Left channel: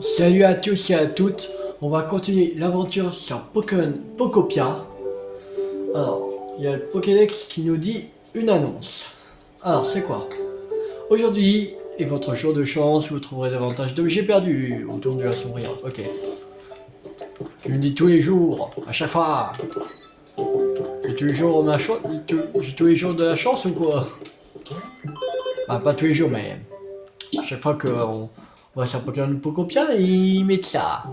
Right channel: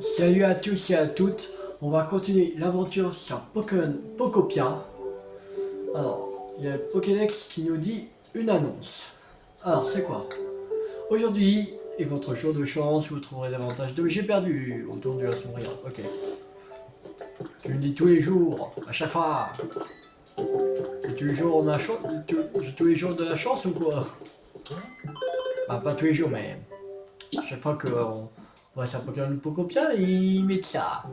Salut à tous et à toutes, on va continuer l'aventure sur Pokémon Pokopia. Alors, il y a le Pokédex qui nous dit une annonce. Alors, c'est quoi? Aujourd'hui est votre jour de chance, vous trouverez davantage d'objets perdus autour de la souriante. Ok. Tu me dis tous les jours, à chaque fois. J'ai tous les jours ma chance, j'ai tous les jours de la chance ou quoi? Bah, pas tous les jours, mais à chaque fois qu'on va sur Pokémon Pokopia, ils mettent ça.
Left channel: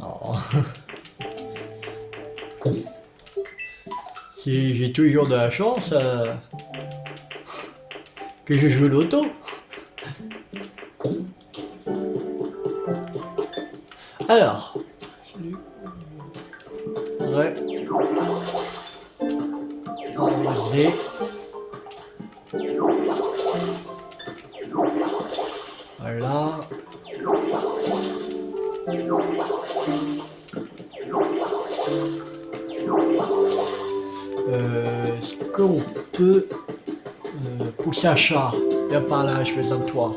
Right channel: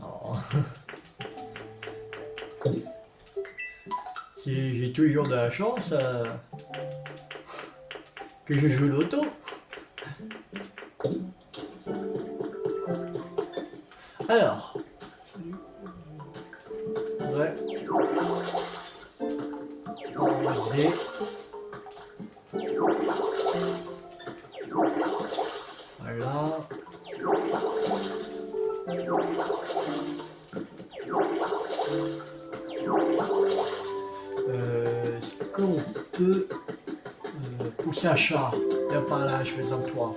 Alors, si j'ai toujours de la chance, que je joue l'auto. Alors, ouais, enlever. Voilà. Est-ce qu'on peut pousser un chat? Viens par là, je besoin de toi.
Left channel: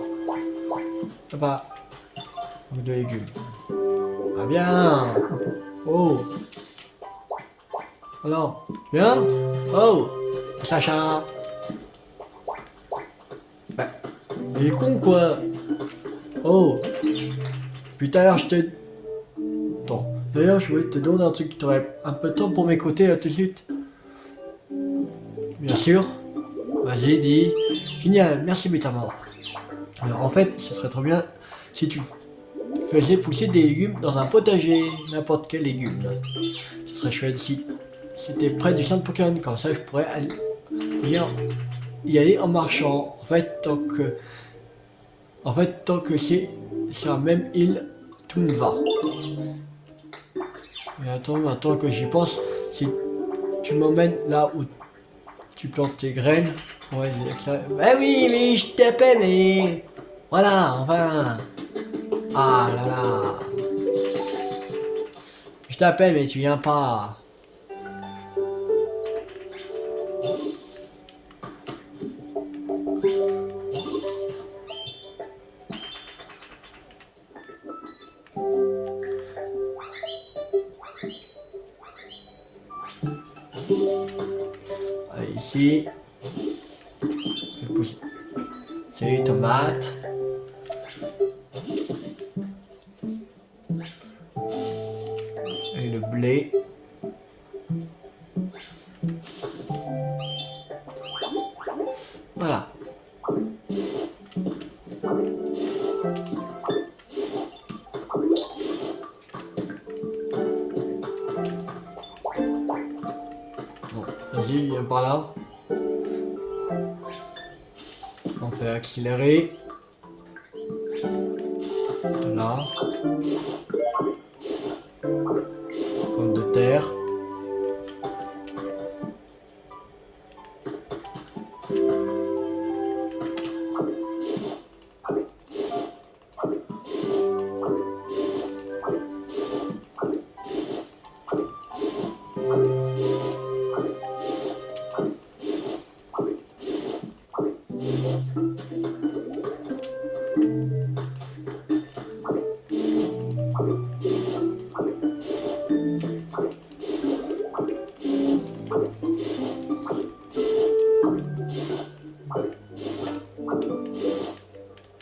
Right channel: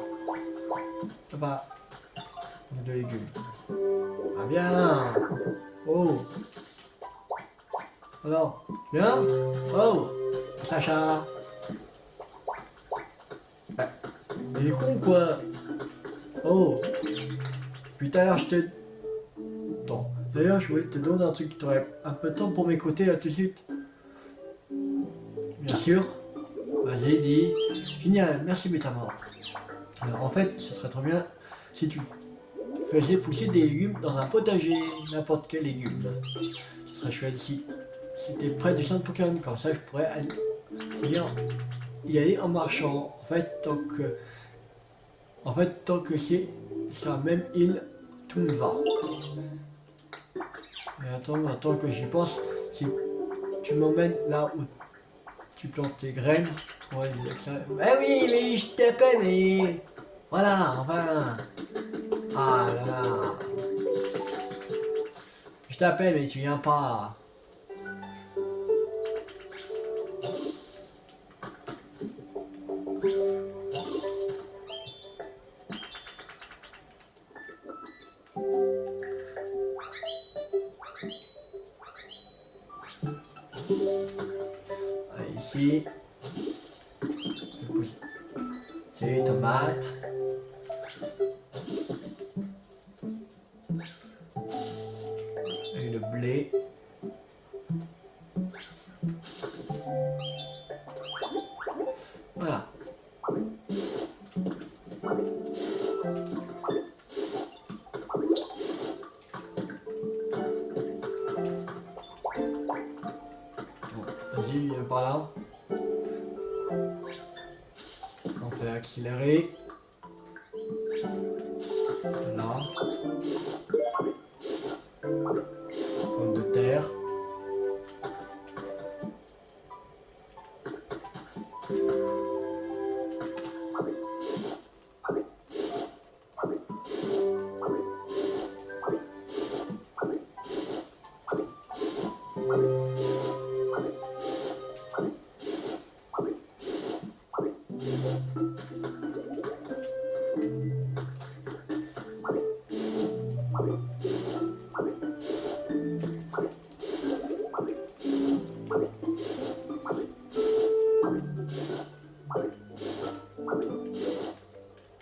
Là-bas, de légumes. Ah bien. Oh. Alors, tu viens? Oh. Pousse un chat. Bah, il est con quoi. Oh. Puis tout à l'heure, je te... Attends. D'ailleurs, je voulais te demander un truc. Tu aurais un peu de temps pour m'écouter là tout de suite? Bien sûr. Vas-y, dis. Génial, merci Métamorphe. Alors, en fait, ce serait trop bien si tu faisais pousser des légumes dans un potager, n'importe quel légume. Ce serait chouette si c'était près du centre Pokémon, comme ça je pourrais venir y aller en marchant. En fait, tant que c'est sur la même île, tout me va. Et attends, maintenant que j'y pense, si tu m'emmènes là où tu plantes tes graines, ouais, bah oui, oui, je t'appelle, mais voilà, enfin. Ah là là. Je t'appelle, mais tu viens pas. Allez, ici. Je vais pousser. C'est les tomates. Et le blé. Voilà. Bon, vas-y, viens par là. On fait accélérer. Voilà. Pomme de terre.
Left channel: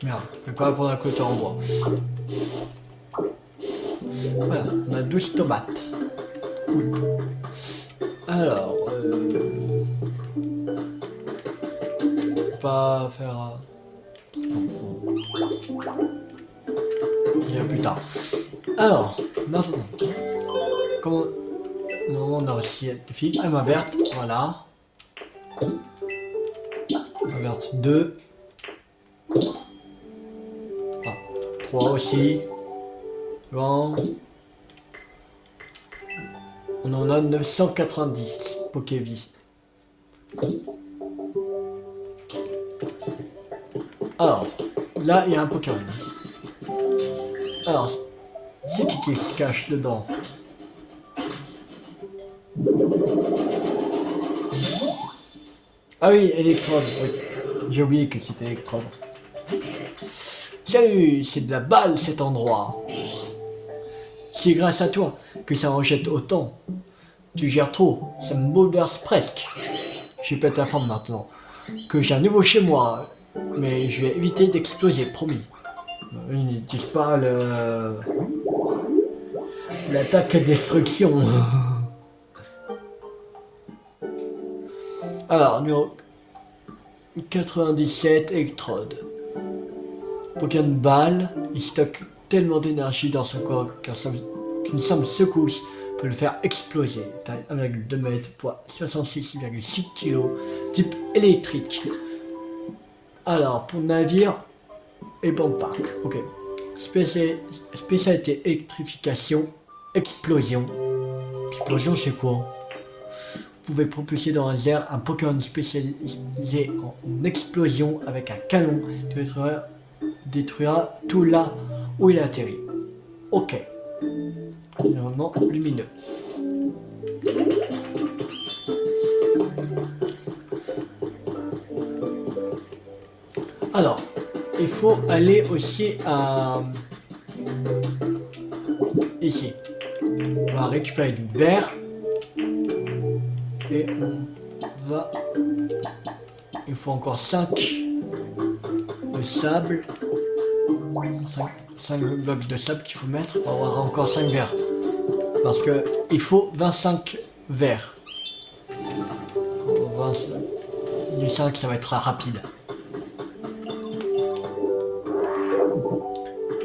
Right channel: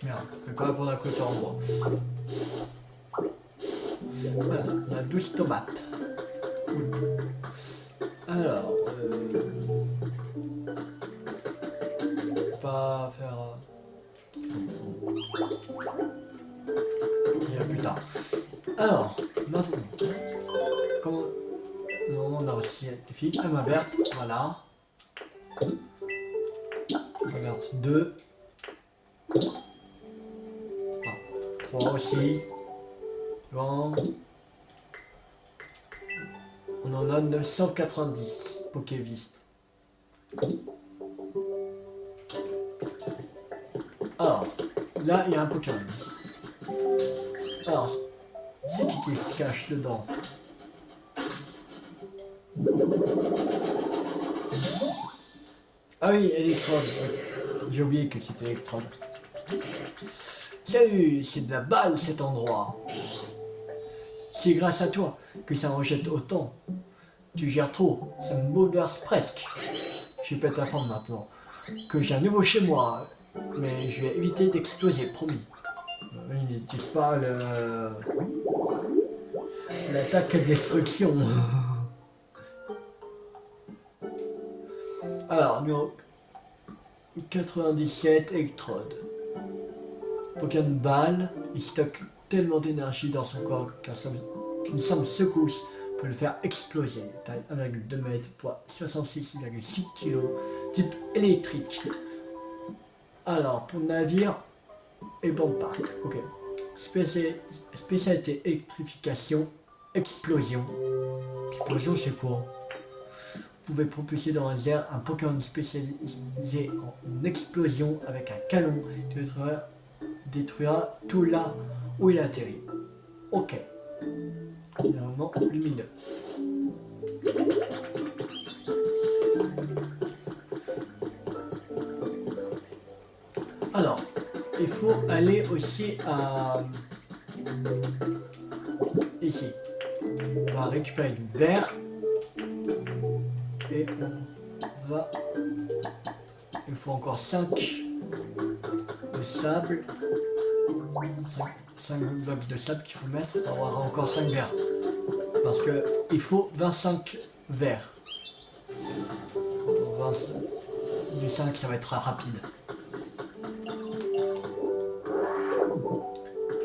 Merde, je vais pas prendre un côté en bois. Voilà, on a 12 tomates. Cool. Alors, je vais pas faire... Bien plus tard. Alors, maintenant, comment... Non, on a aussi le fil. Ah, ma verte, voilà. Ma verte 2. Ah, 3 aussi. Bon. On en a 990 Pokévis. Alors, là, il y a un Pokémon. Alors, c'est qui se cache dedans? Ah oui, Electrode, oui. J'ai oublié que c'était Electrode. Salut, c'est de la balle cet endroit. C'est grâce à toi que ça rejette autant. Tu gères trop, ça me bouleverse presque. Je pète ta forme maintenant. Que j'ai un nouveau chez moi, mais je vais éviter d'exploser, promis. Ils n'utilisent pas le... l'attaque destruction. Alors, numéro 97, Electrode. Pokémon balle, il stocke tellement d'énergie dans son corps qu'une simple secousse peut le faire exploser. Taille 1,2 m, poids 66,6 kg, type électrique. Alors, pour navire et banque parc, ok. Spécialité électrification, explosion. Explosion, c'est quoi? Vous pouvez propulser dans les airs un Pokémon spécialisé en explosion avec un canon qui détruira tout là où il atterrit. Ok. Environnement lumineux. Alors, il faut aller aussi à... ici. On va récupérer du verre. Et on va... Il faut encore 5 de sable. 5 blocs de sable qu'il faut mettre pour avoir encore 5 verres. Parce que il faut 25 verres. 5, ça va être rapide.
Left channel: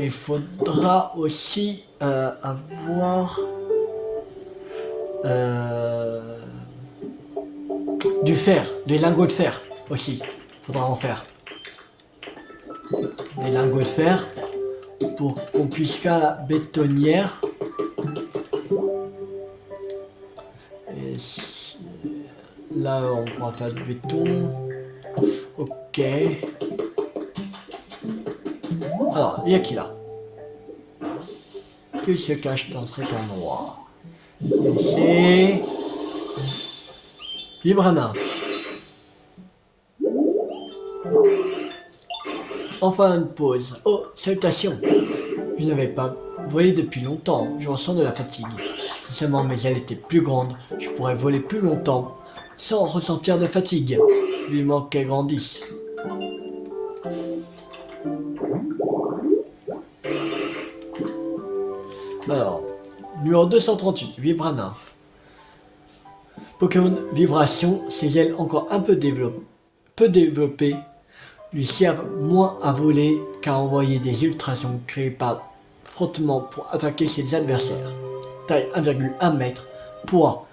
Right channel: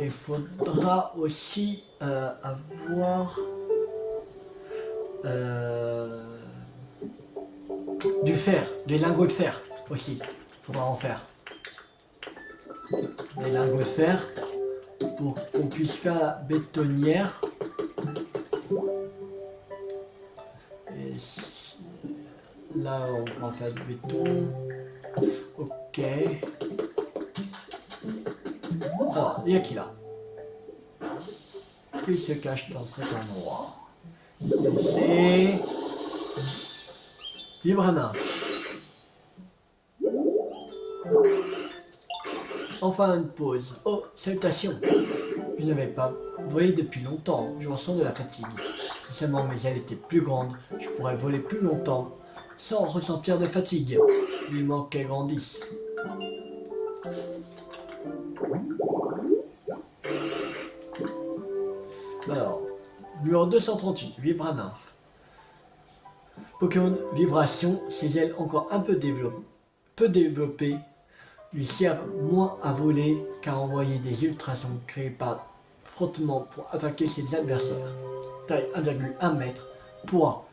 Il faudra aussi avoir du fer, des lingots de fer aussi. Faudra en faire. Des lingots de fer pour qu'on puisse faire la bétonnière. Et là, on pourra faire du béton. Ok. Alors, il y a qui là? Qui se cache dans cet endroit? C'est Vibrana. Enfin une pause. Oh, salutations. Je n'avais pas volé depuis longtemps. Je ressens de la fatigue. Si seulement mes ailes étaient plus grandes, je pourrais voler plus longtemps sans ressentir de fatigue. Vivement qu'elles grandissent. Alors, numéro 238, Vibranymph. Pokémon Vibration, ses ailes encore un peu développées lui servent moins à voler qu'à envoyer des ultrasons créés par frottement pour attaquer ses adversaires. Taille 1,1 m, poids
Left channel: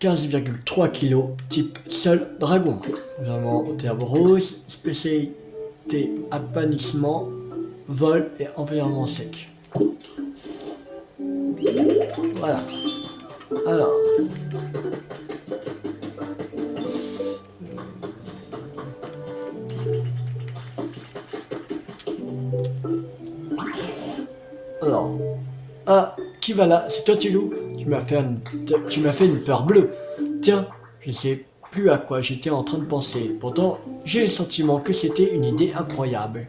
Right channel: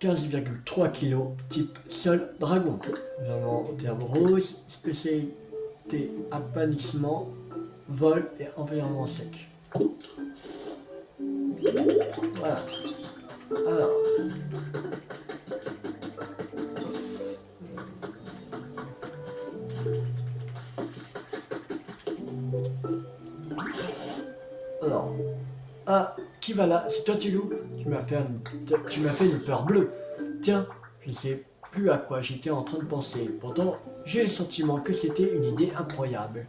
15,3 kg, type Sol Dragon. Environnement au terme rose, spécialité apanissement, vol et environnement sec. Voilà. Alors. Alors. Ah, qui va là? C'est toi, Tilou? Tu m'as fait une peur bleue. Tiens, je ne sais plus à quoi j'étais en train de penser. Pourtant, j'ai le sentiment que c'était une idée incroyable.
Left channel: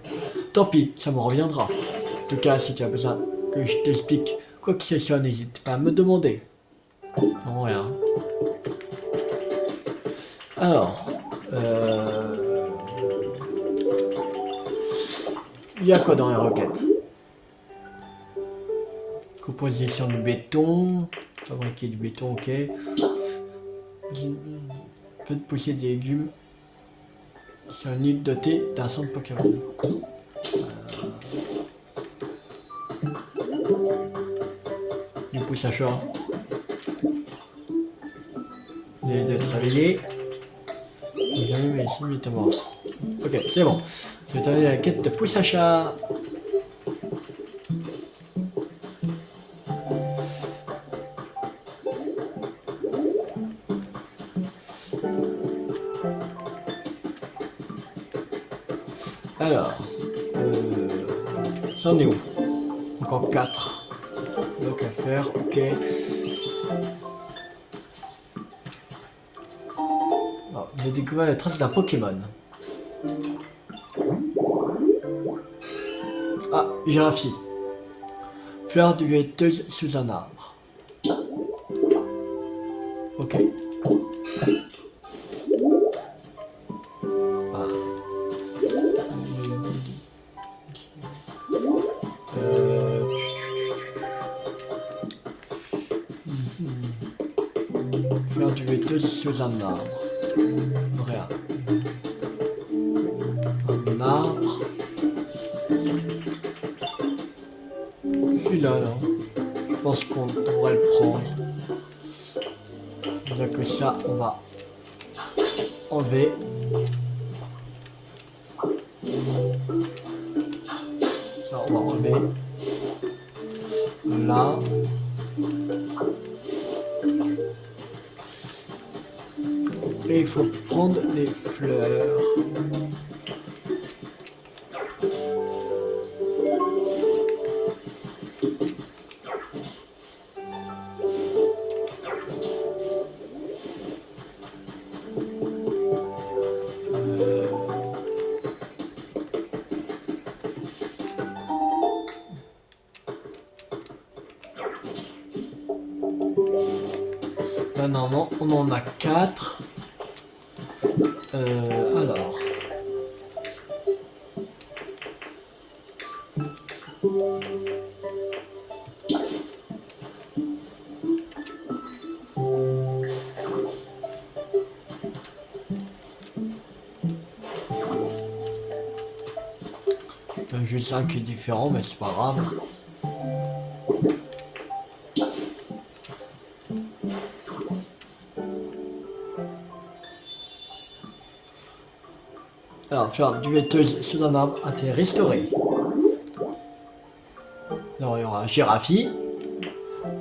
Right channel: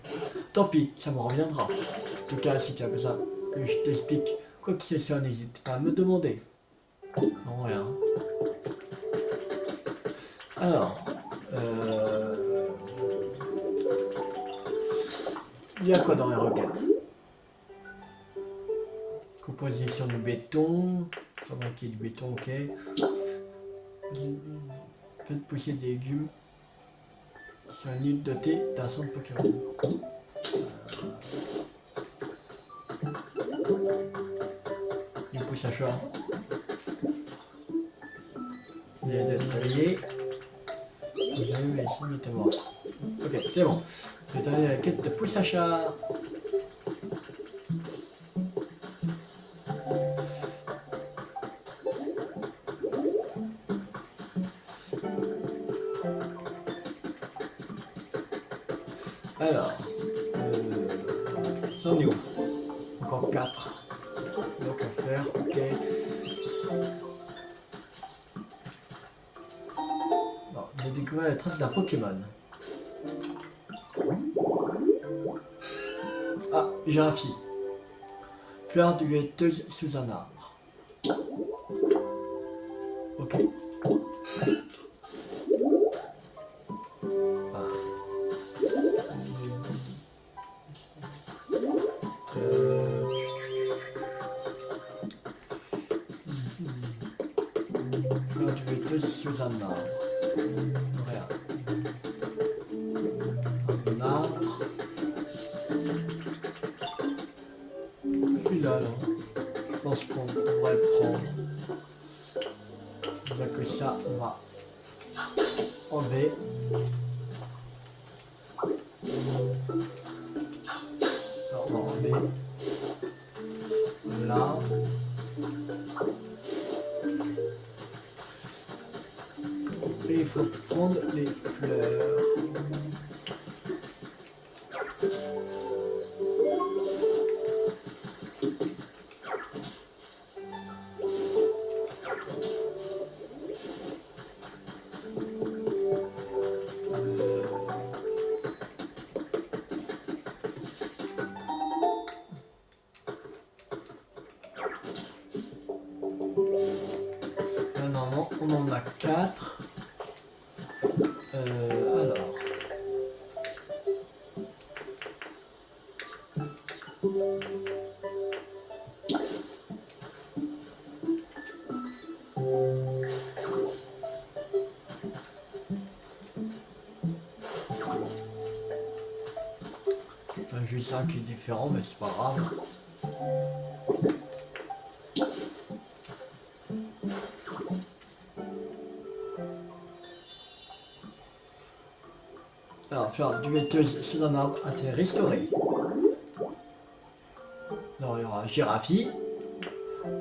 Tant pis, ça me reviendra. En tout cas, si tu as besoin que je t'explique quoi que ce soit, n'hésite pas à me demander. Non, rien. Alors, il y a quoi dans les requêtes? Composition du béton, fabriquer du béton, ok. Faites pousser des légumes sur une île dotée d'un centre Pokémon. Du pouce à chat. Vous allez être réveillé. Vous avez mais si, mais mort. Ok, c'est bon. Je vais terminer la quête de pouce à chat. Alors, ça en est où? Encore 4. Donc à faire, ok. Alors, j'ai découvert la trace d'un Pokémon. Ah, giraffie. Fleur duvetteuse sous un arbre. Ok. Ah. Euh... Fleur duvetteuse sous un arbre. Rien. Un arbre. Celui-là, là. Je pense qu'on devrait le prendre. Bien que ça, on va enlever. Ça, on va enlever. Là. Et il faut prendre les fleurs. Là, normalement, on en a 4. Alors. Juste un qui est différent, mais c'est pas grave. Alors, fleur duvetteuse sous un arbre a été restaurée. Alors, il y aura giraffie.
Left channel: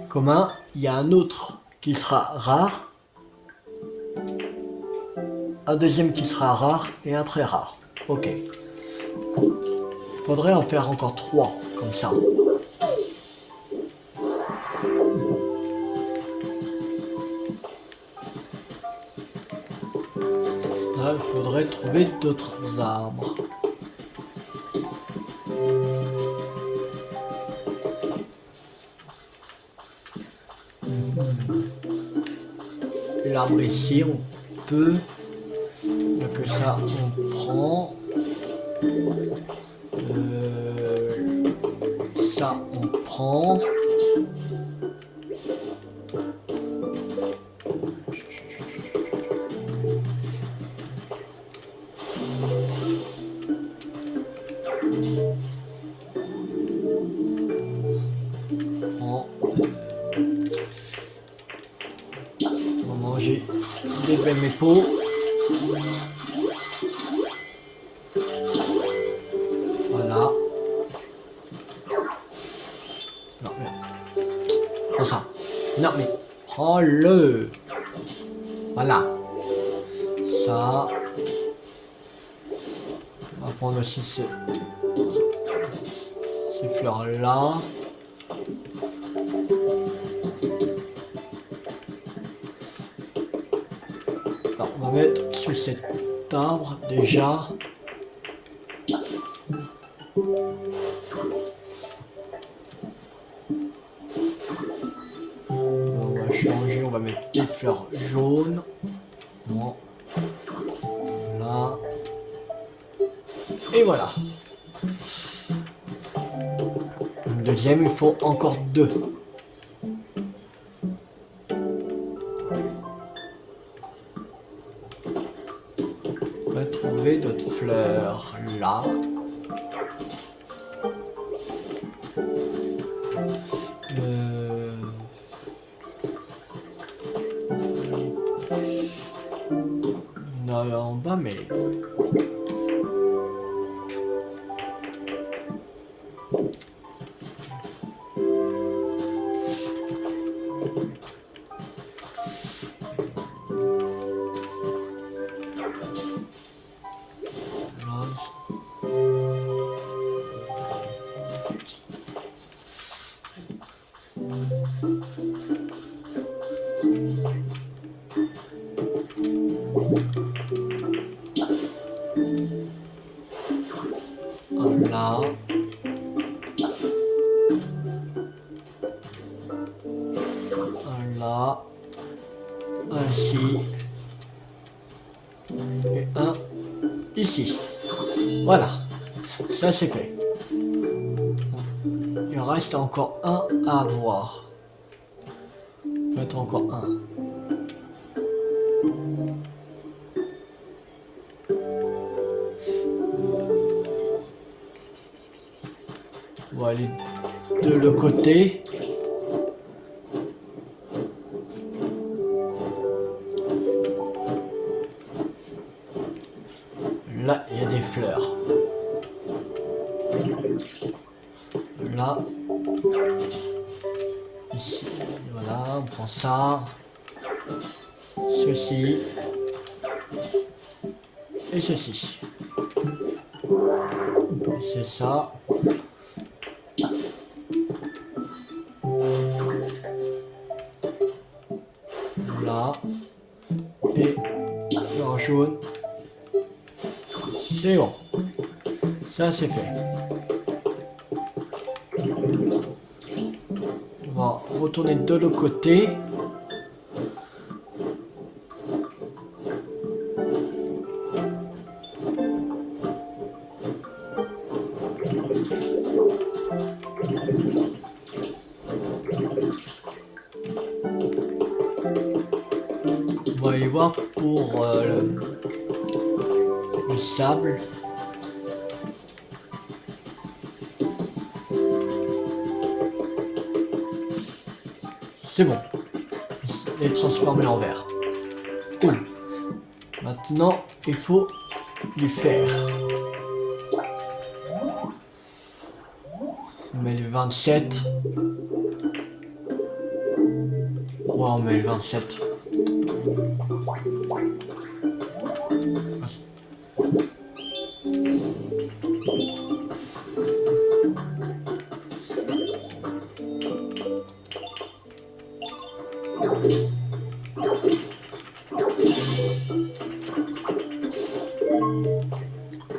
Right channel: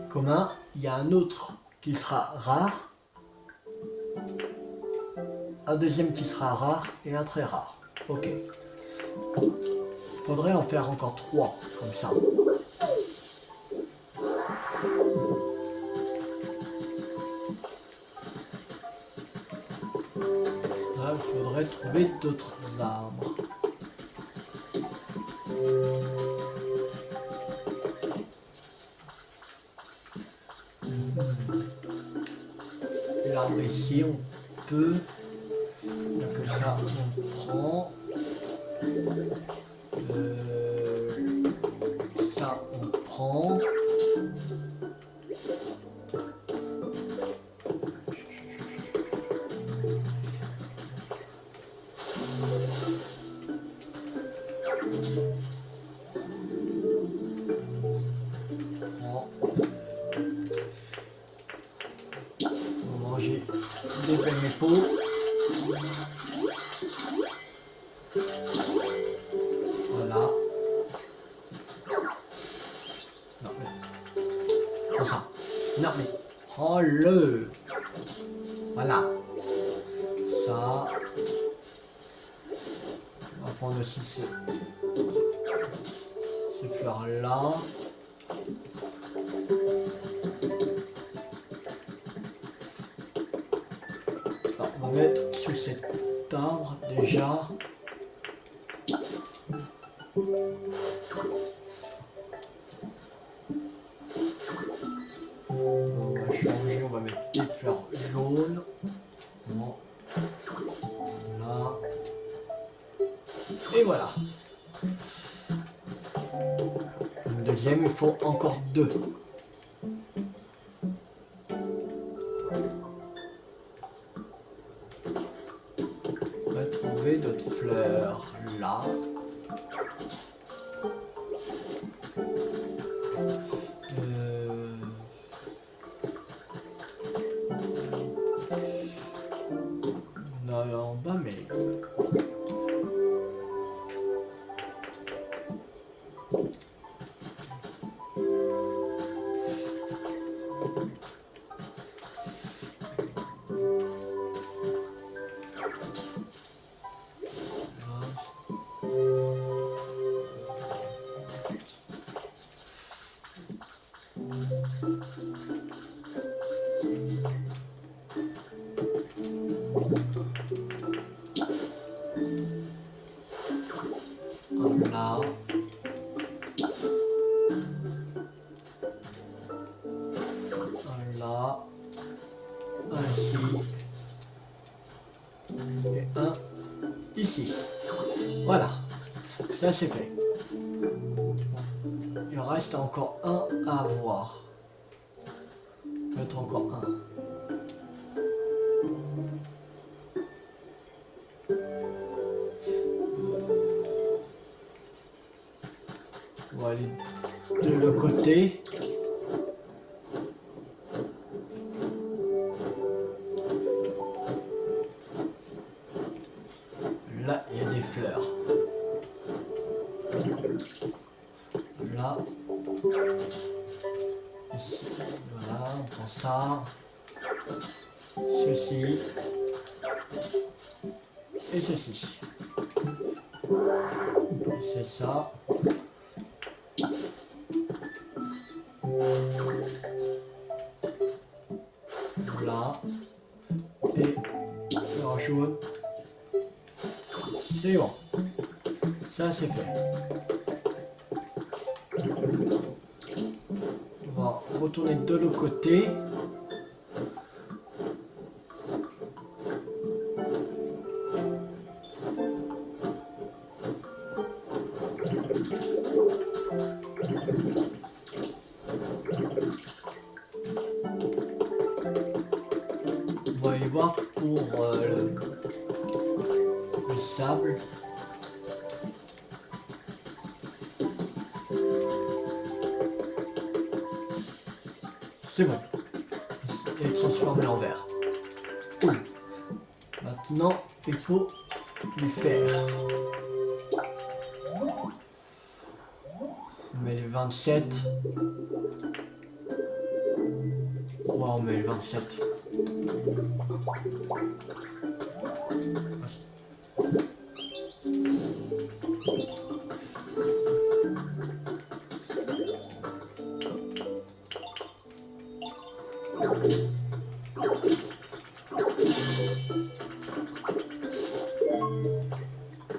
Commun, il y a un autre qui sera rare. Un deuxième qui sera rare et un très rare. Ok. Il faudrait en faire encore 3, comme ça. Là, il faudrait trouver d'autres arbres. L'arbre ici, on peut. Donc ça, on prend. Ça, on prend. On va manger des belles mépos. Voilà. Non, mais... Prends ça. Non, mais... Prends-le. Voilà. Ça. On va prendre aussi ces fleurs-là. Alors, on va mettre sous cet arbre déjà. On va changer, on va mettre des fleurs jaunes. Bon. Là. Et voilà. Le deuxième, il faut encore 2. On va trouver d'autres fleurs là. Non, en bas, mais... Un là. Un là. Un ici. Et un ici. Voilà. Ça c'est fait. Il reste encore un à voir. Mettre encore un. On va aller de l'autre côté. Là, il y a des fleurs. Là. Ici. Voilà, on prend ça. Ceci. Et ceci. C'est ça. Là. Et fleur jaune. C'est bon. Ça c'est fait. On va retourner de l'autre côté. On va y voir pour le sable. C'est bon. Il est transformé en verre. Cool. Maintenant, il faut du fer. On met les 27. Ouais, on met les 27.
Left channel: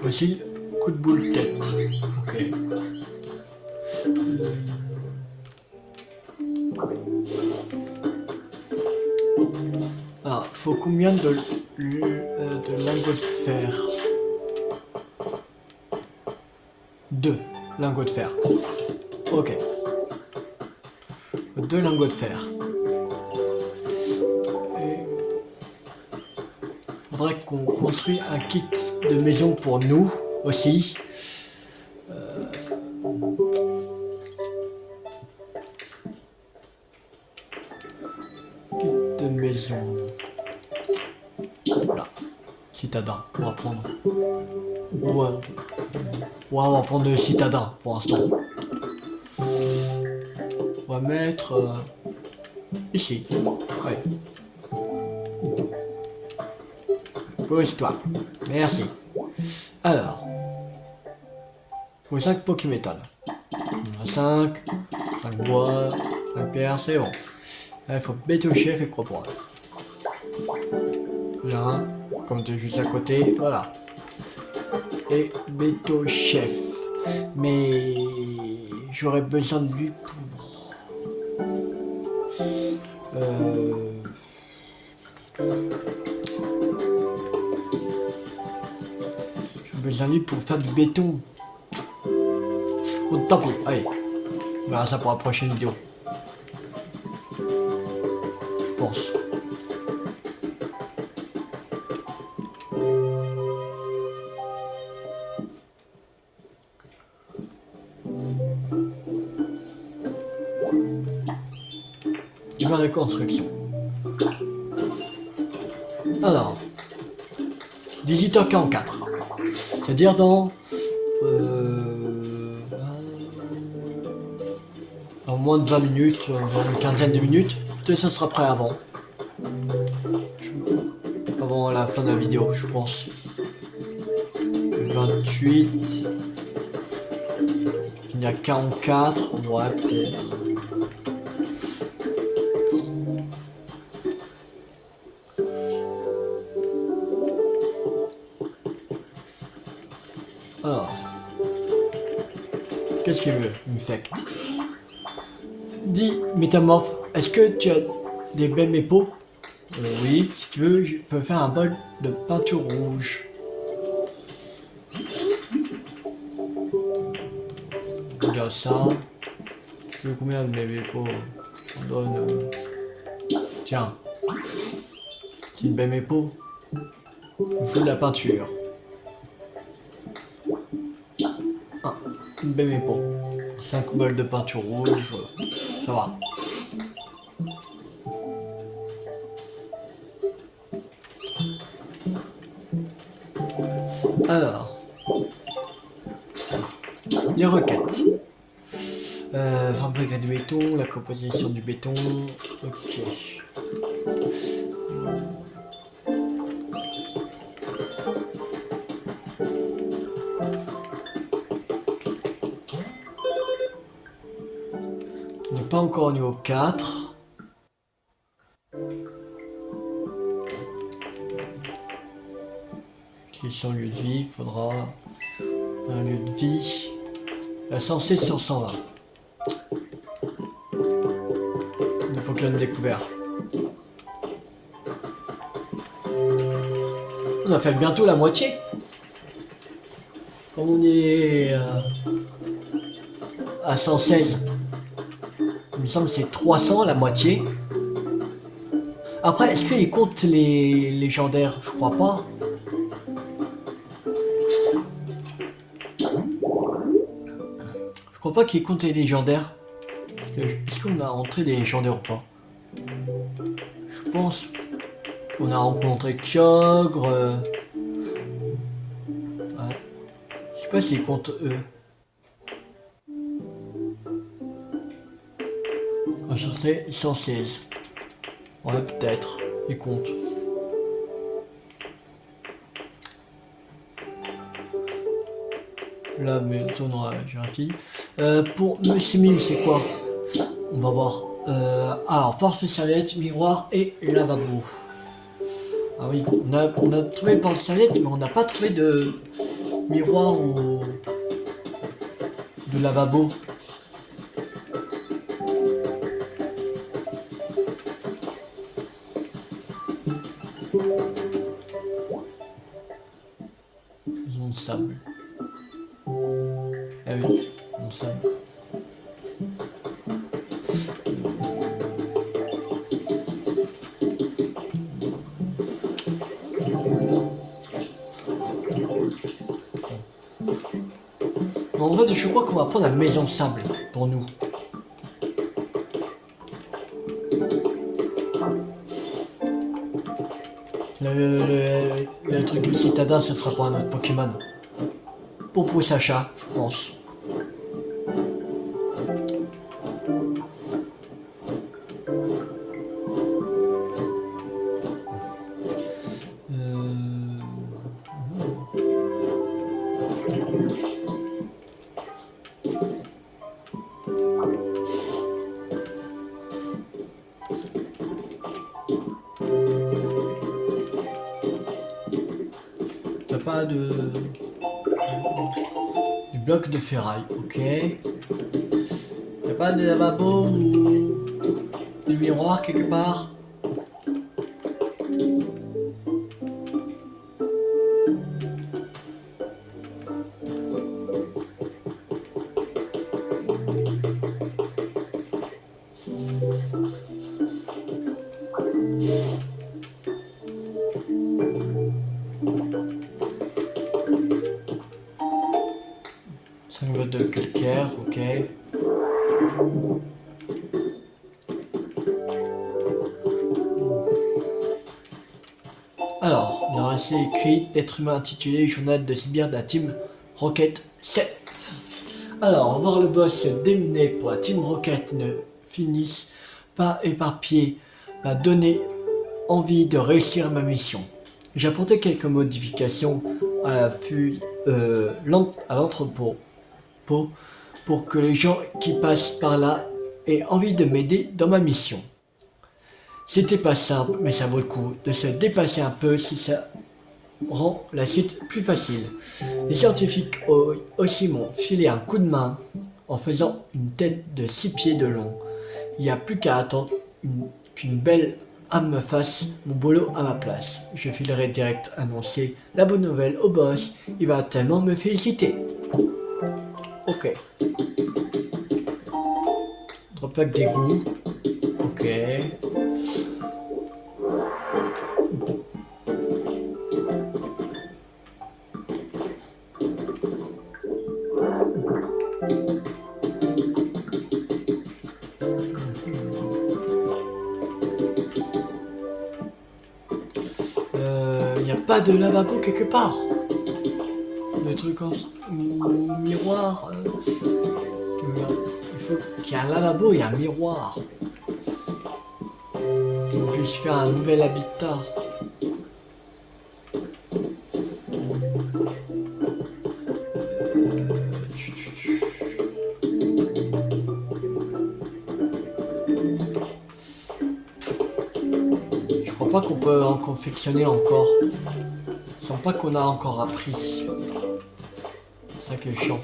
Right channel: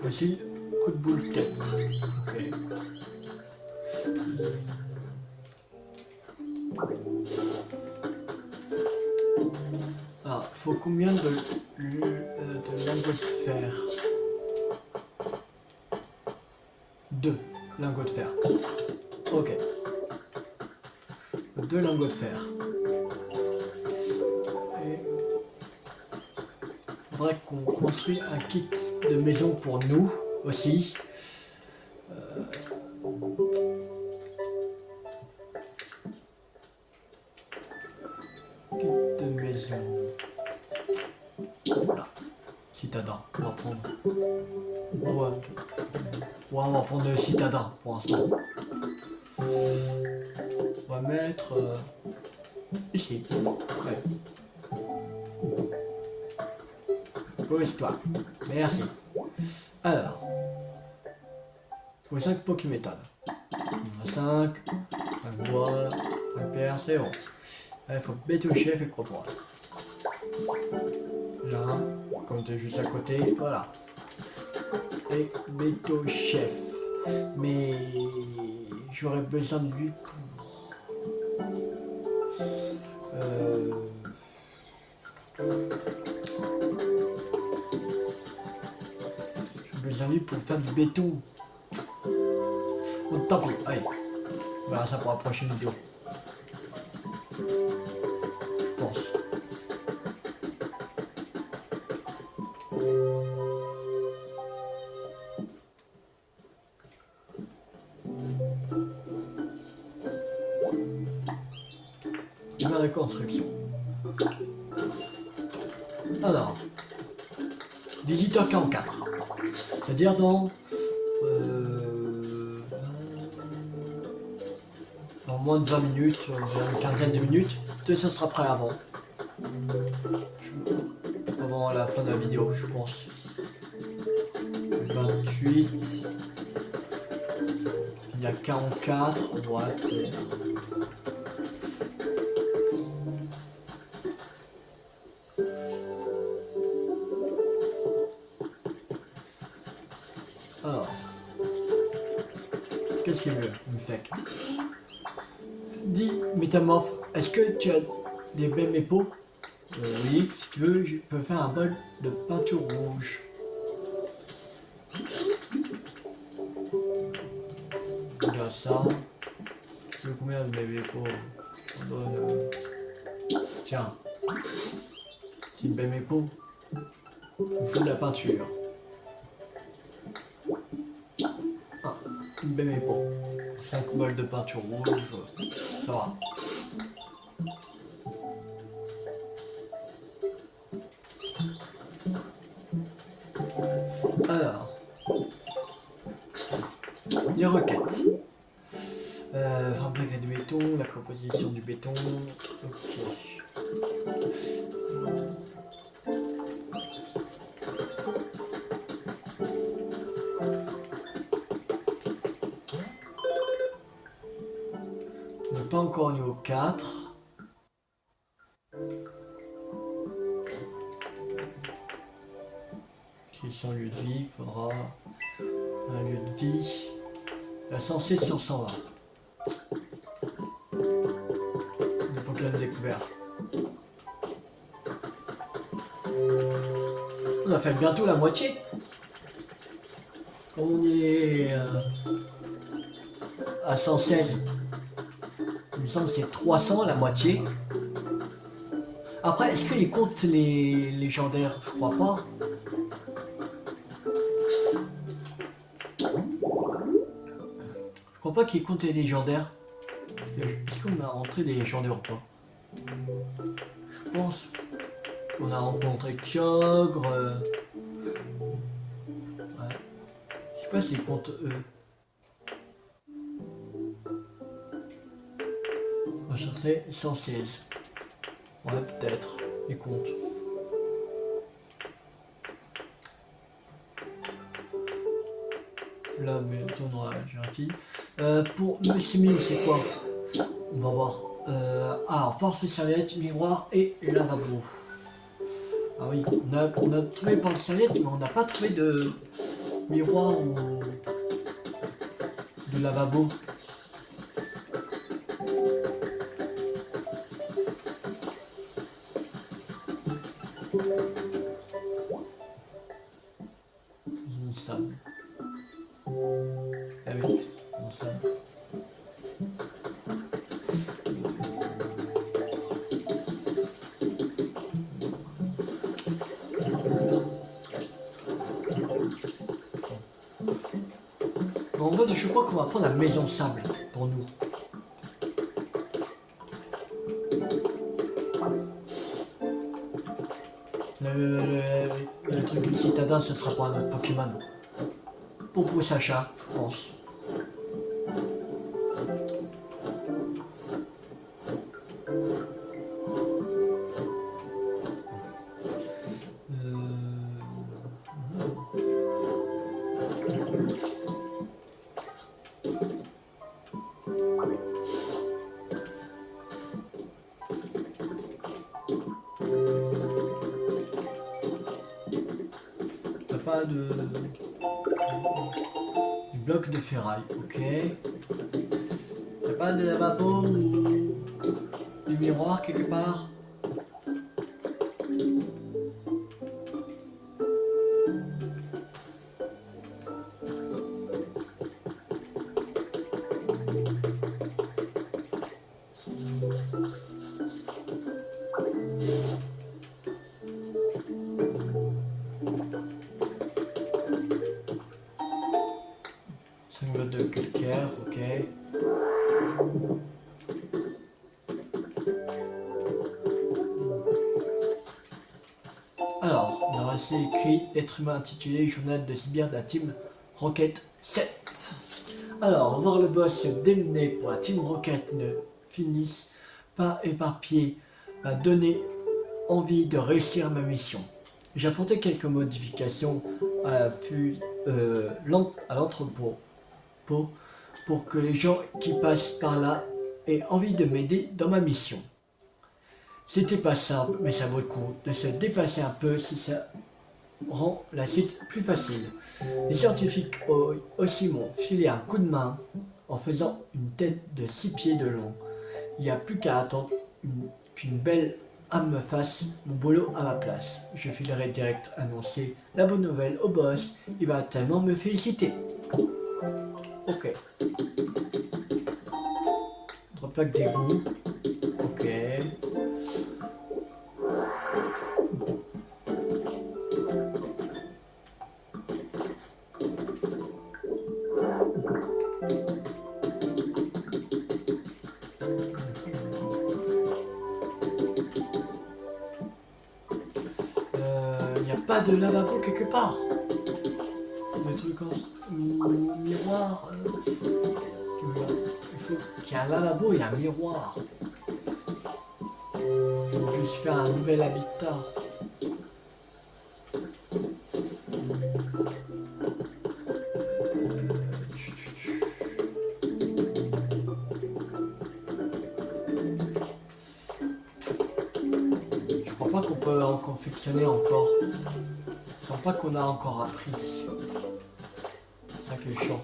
Voici coup de boule tête. Ok. Alors, il faut combien de lingots de fer? 2 lingots de fer. Ok. 2 lingots de fer. Et faudrait qu'on construise un kit de maison pour nous aussi. Kit de maison. Voilà. Citadin. On va prendre. Ouais, on va prendre le citadin pour l'instant. On va mettre ici. Ouais. Pose-toi. Merci. Alors. Pour 5 Pokémétal. On a 5. 5 bois. 5 pierres, c'est bon. Là, il faut Béto Chef et Cropoil. Là, comme de juste à côté, voilà. Et Béto Chef. Mais j'aurais besoin de lui pour. J'ai besoin de lui pour faire du béton. Oh, tant pis, allez. On verra ça pour la prochaine vidéo. Je pense. De construction. Alors, 18h44. C'est-à-dire dans moins de 20 minutes, dans une quinzaine de minutes. Peut-être ça sera prêt avant. Avant la fin de la vidéo, je pense. 28. Il y a 44. Ouais, peut-être. Alors, Qu'est-ce qu'il veut, infect? Dis, métamorphe, est-ce que tu as des belles mépos? Oui, si tu veux, je peux faire un bol de peinture rouge. Regarde ça. Je veux combien de mes mépos? On donne... Tiens. C'est une belle mépo. Il me faut de la peinture. Ah, une belle mépo. 5 bols de peinture rouge. Ça va. Alors, les requêtes. Fabriquer du béton, la composition du béton. Ok. On n'est pas encore au niveau 4. Question lieu de vie, il faudra un lieu de vie. La censée sur 120. De Pokémon découvert. On a fait bientôt la moitié. Quand on est à 116. Il me semble que c'est 300 la moitié. Après, est-ce qu'il compte les légendaires? Je crois pas. Je crois pas qu'il compte les légendaires. Est-ce qu'on a rentré des légendaires ou pas? Je pense qu'on a rencontré Kyogre. Ouais. Je sais pas s'ils comptent eux. On va chercher 116. Ouais, peut-être. Ils comptent. Là, bientôt dans la hiérarchie. Pour Monsieur Mime, c'est quoi? On va voir. Alors, porte-serviette, miroir et lavabo. Ah oui, on a trouvé porte-serviette, mais on n'a pas trouvé de miroir ou de lavabo. Ils ont le sable. Ah oui, ils ont le sable. En fait, je crois qu'on va prendre la maison sable pour nous. Le truc citadin, ce sera pour un autre Pokémon. Pour Sacha, je pense. Pas de blocs de ferraille, ok. Y'a pas de lavabo ou de miroir quelque part? De calcaire, ok. Alors, on a ainsi écrit l'être humain intitulé Journal de Sibir de la Team Rocket 7. Alors, on va voir le boss démené pour la Team Rocket ne finisse pas éparpillé m'a donné envie de réussir ma mission. J'ai apporté quelques modifications à l'entrepôt pour que les gens qui passent par là aient envie de m'aider dans ma mission. C'était pas simple, mais ça vaut le coup de se dépasser un peu si ça rend la suite plus facile. Les scientifiques aussi m'ont filé un coup de main en faisant une tête de 6 pieds de long. Il n'y a plus qu'à attendre qu'une belle âme me fasse mon boulot à ma place. Je filerai direct annoncer la bonne nouvelle au boss. Il va tellement me féliciter. Ok. Drop pack d'égout. Ok. Il n'y a pas de lavabo quelque part. Des trucs en miroir. Il faut qu'il y ait un lavabo et un miroir. On puisse faire un nouvel habitat. Je crois pas qu'on peut en confectionner encore. Je sens pas qu'on a encore appris. C'est ça qui est chiant.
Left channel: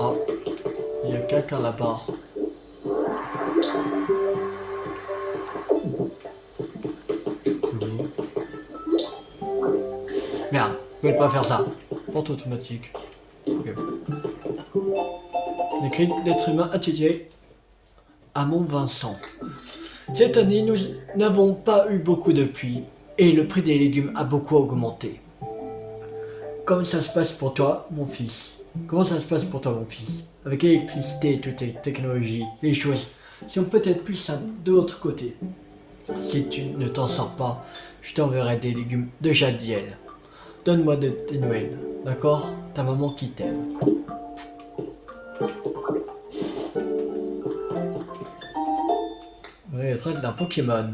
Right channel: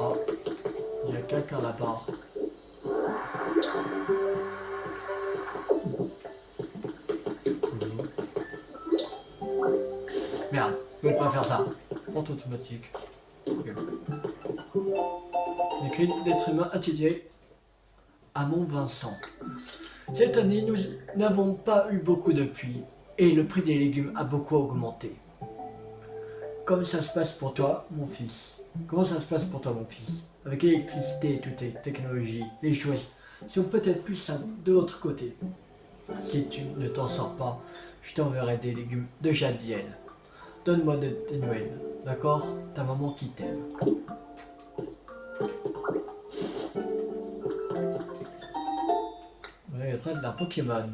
Ah, il y a quelqu'un là-bas. Merde, je vais pas faire ça. Porte automatique. Ok. Les cris d'être humain attitrés à Mont-Vincent. Cette année, nous n'avons pas eu beaucoup de pluie et le prix des légumes a beaucoup augmenté. Comment ça se passe pour toi, mon fils? Comment ça se passe pour toi, mon fils? Avec l'électricité et toutes les technologies, les choses sont peut-être plus simples de l'autre côté. Si tu ne t'en sors pas, je t'enverrai des légumes de Jadiel. Donne-moi de tes nouvelles, d'accord? Ta maman qui t'aime. Oui, le trace d'un Pokémon.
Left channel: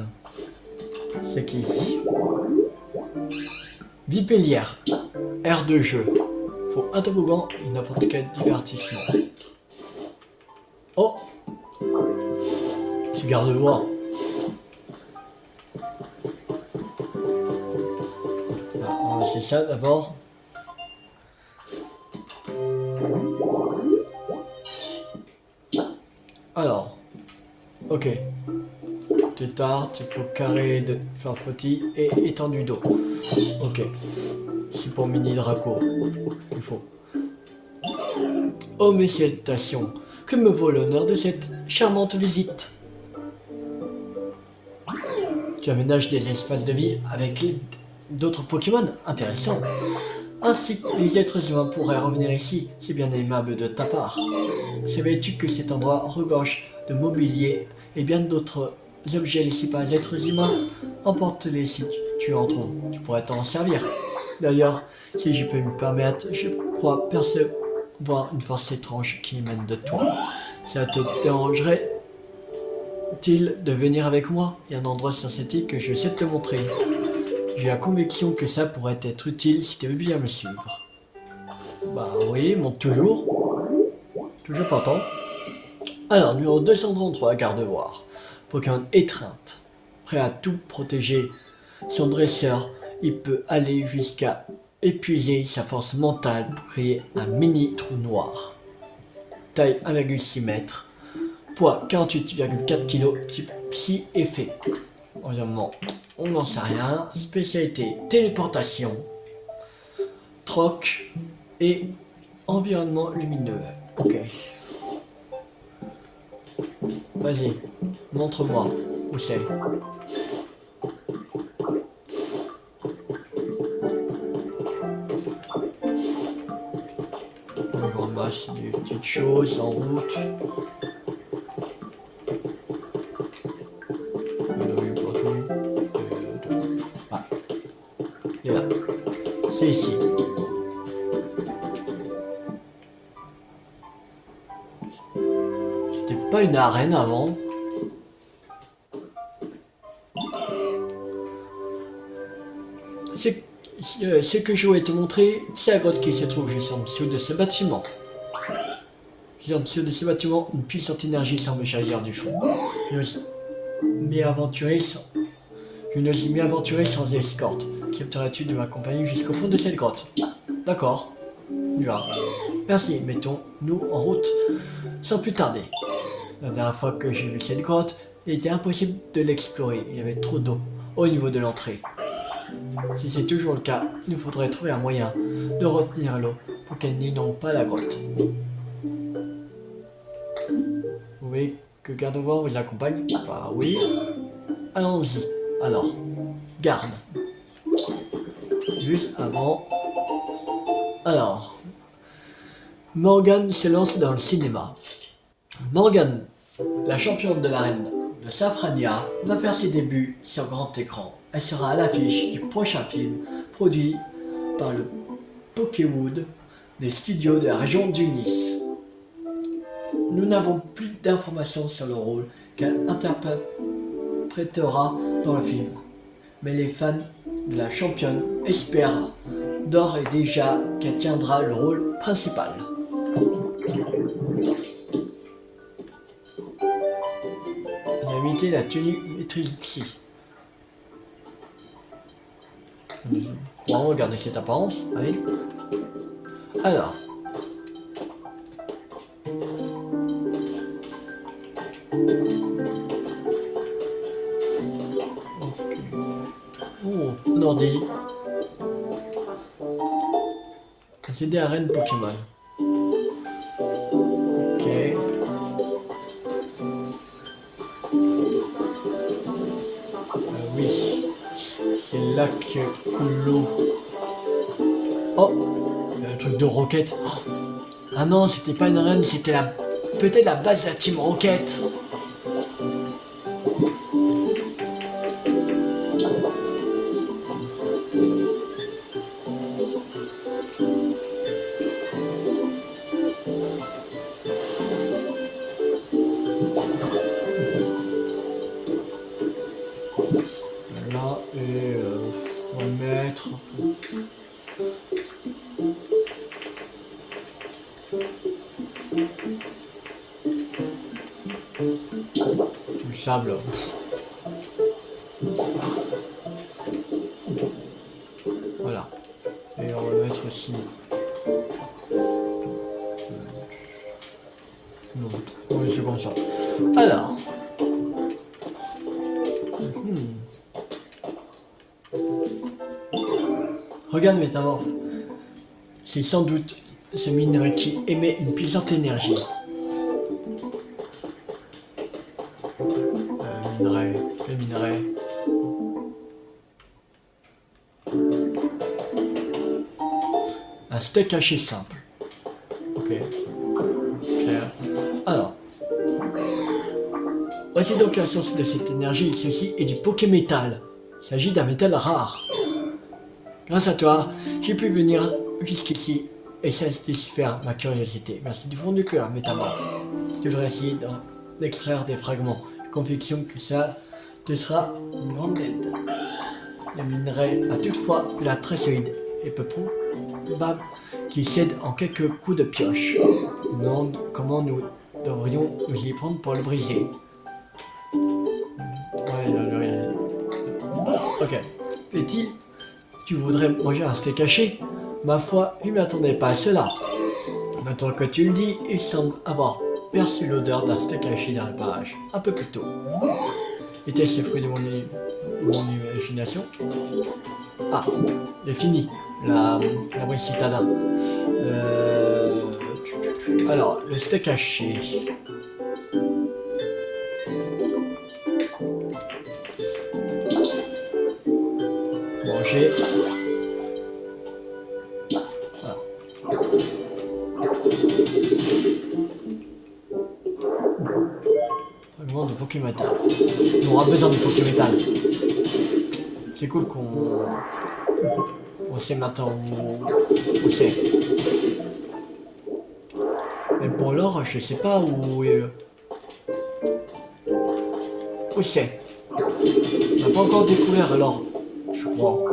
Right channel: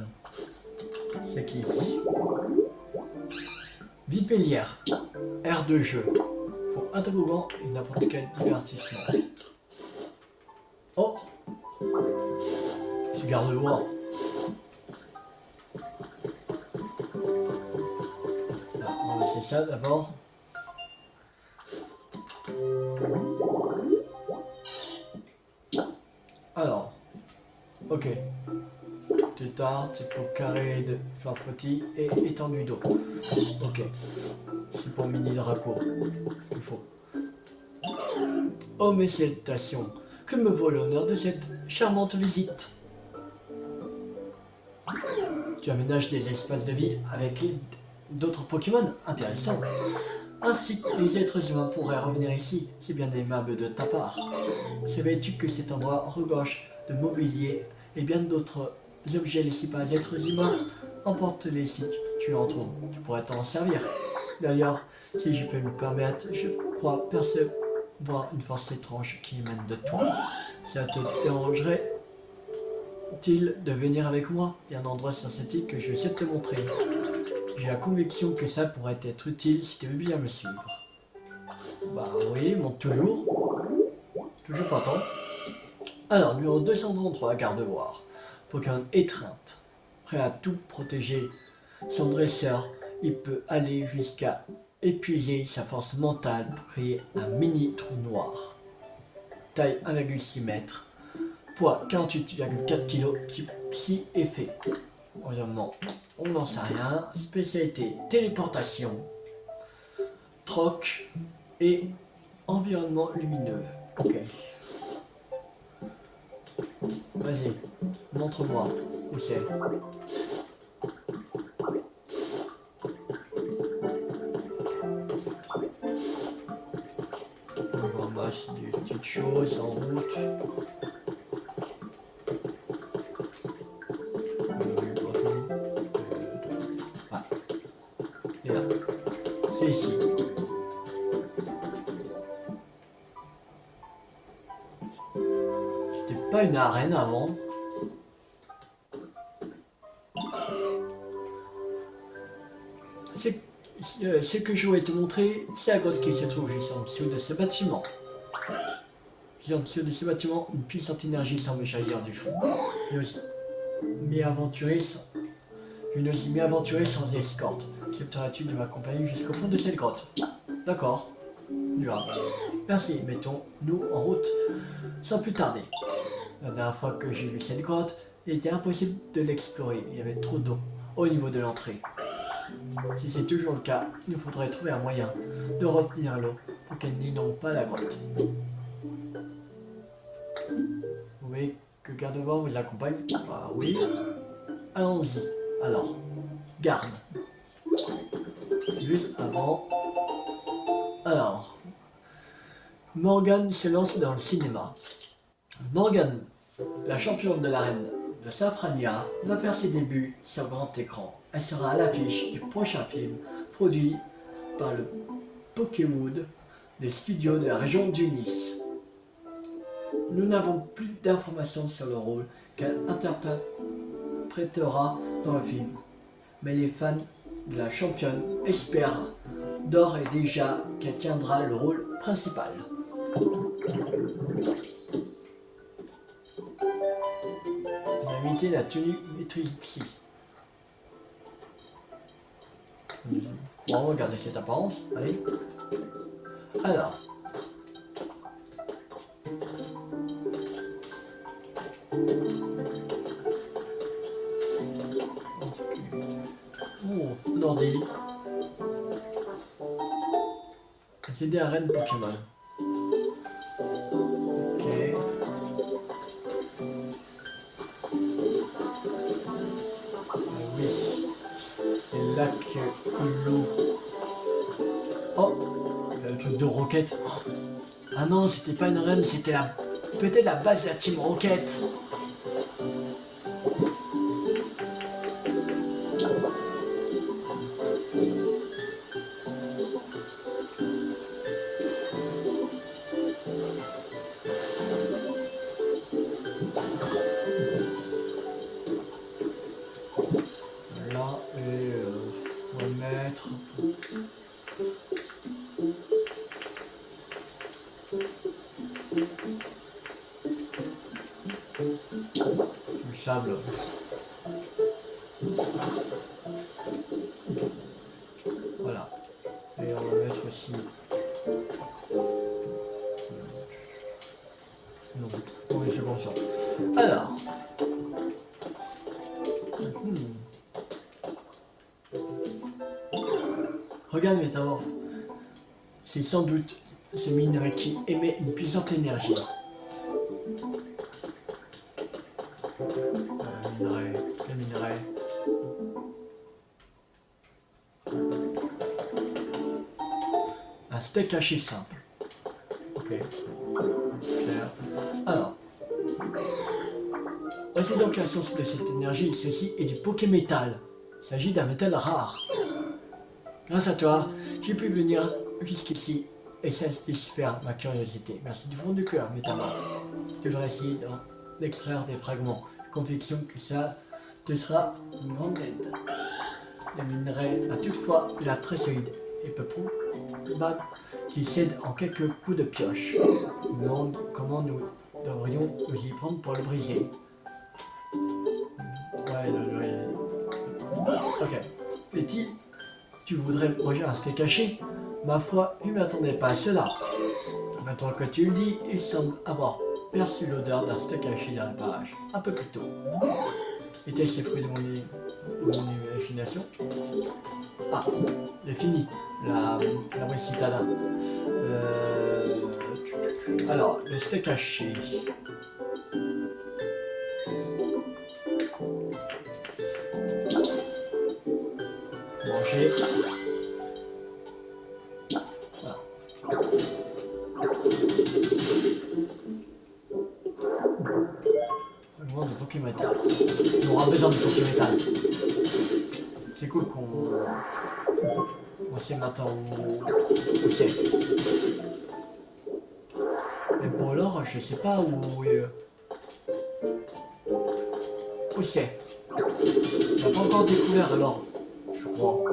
C'est qui? Vipellière. Aire de jeu. Faut un toboggan et n'importe quel divertissement. Oh! Tu gardes voir. On va essayer ça d'abord. Alors. Ok. Tétard, il faut carré de flanfotti et étendu d'eau. Ok. C'est pour mini Draco. Il faut. Oh mes salutations. Que me vaut l'honneur de cette charmante visite? Tu aménages des espaces de vie avec d'autres Pokémon intéressants. Ainsi que les êtres humains pourraient revenir ici. C'est bien aimable de ta part. Savais-tu que cet endroit regorge de mobilier et bien d'autres objets laissés par les êtres humains? Emporte-les si tu en trouves. Tu pourrais t'en servir. D'ailleurs, si je peux me permettre, je crois percevoir une force étrange qui émane de toi. Ça te dérangerait-il de venir avec moi? Il y a un endroit synthétique que je sais te montrer. J'ai la conviction que ça pourrait être utile si tu veux bien me suivre. Bah oui, monte toujours. Toujours pas tant. Alors, numéro 233, Gardevoir. Pokémon étreinte. Prêt à tout protéger son dresseur, il peut aller jusqu'à épuiser sa force mentale pour créer un mini trou noir. Taille 1,6 m. Poids 48,4 kg. Type psy-effet. Environnement, on n'en sait rien. Spécialité, téléportation. Troc et environnement lumineux. Ok. Vas-y, montre-moi où c'est. On ramasse des petites choses en route. Ah, il est là. C'est ici. C'était pas une arène avant. Ce que je voulais te montrer, c'est la grotte qui se trouve juste en dessous de ce bâtiment. Juste en dessous de ce bâtiment, une puissante énergie semble jaillir du fond. Je n'ose m'y aventurer sans escorte. Accepterais-tu de m'accompagner jusqu'au fond de cette grotte? D'accord. Voilà. Merci, mettons-nous en route sans plus tarder. La dernière fois que j'ai vu cette grotte, il était impossible de l'explorer. Il y avait trop d'eau au niveau de l'entrée. Si c'est toujours le cas, il nous faudrait trouver un moyen de retenir l'eau pour qu'elle n'inonde pas la grotte. Vous voulez que Gardevoir vous accompagne? Bah oui. Allons-y. Alors, garde. Juste avant. Alors, Morgane se lance dans le cinéma. Morgane, la championne de l'arène de Safrania, va faire ses débuts sur grand écran. Elle sera à l'affiche du prochain film produit par le Pokéwood des studios de la région du Nice. Nous n'avons plus d'informations sur le rôle qu'elle interprétera dans le film, mais les fans de la championne espèrent d'ores et déjà qu'elle tiendra le rôle principal. On a imité la tenue maîtrise psy. On va regarder cette apparence. Allez. Alors. Ok. Oh, un ordi. C'est des arènes Pokémon. Ok. Oui. C'est là que l'eau. Oh, le truc de Rocket. Ah non, c'était pas une arène, c'était peut-être la base de la Team Rocket. Là, et on va le mettre. Du sable. Voilà. Et on va le mettre aussi. Non, oui, c'est comme ça. Alors. Regarde Métamorphe. C'est sans doute ce minerai qui émet une puissante énergie. Le minerai. Un steak haché simple. Ok. Clair. Alors. Voici donc la source de cette énergie. Ceci est du Pokémétal. Il s'agit d'un métal rare. Grâce à toi, j'ai pu venir jusqu'ici et satisfaire ma curiosité. Merci du fond du cœur, Métamorphe. Je devrais essayer d'extraire des fragments. Conviction que ça te sera une grande aide. Le minerai a toutefois la très solide et peu probable qu'il cède en quelques coups de pioche. Non, comment nous devrions nous y prendre pour le briser? Ouais, ok. Est-il tu voudrais manger un steak haché? Ma foi, je ne m'attendais pas à cela. Maintenant que tu le dis, il semble avoir perçu l'odeur d'un steak haché dans le barrage, un peu plus tôt. Était-ce le fruit de mon imagination? Ah, c'est fini, la citadin. Alors, le steak haché. Manger. Voilà. Fragment de Pokémétal. On aura besoin de Pokémétal. C'est cool qu'on On sait maintenant où c'est. Mais pour l'or, je sais pas où c'est. On n'a pas encore découvert l'or, je crois.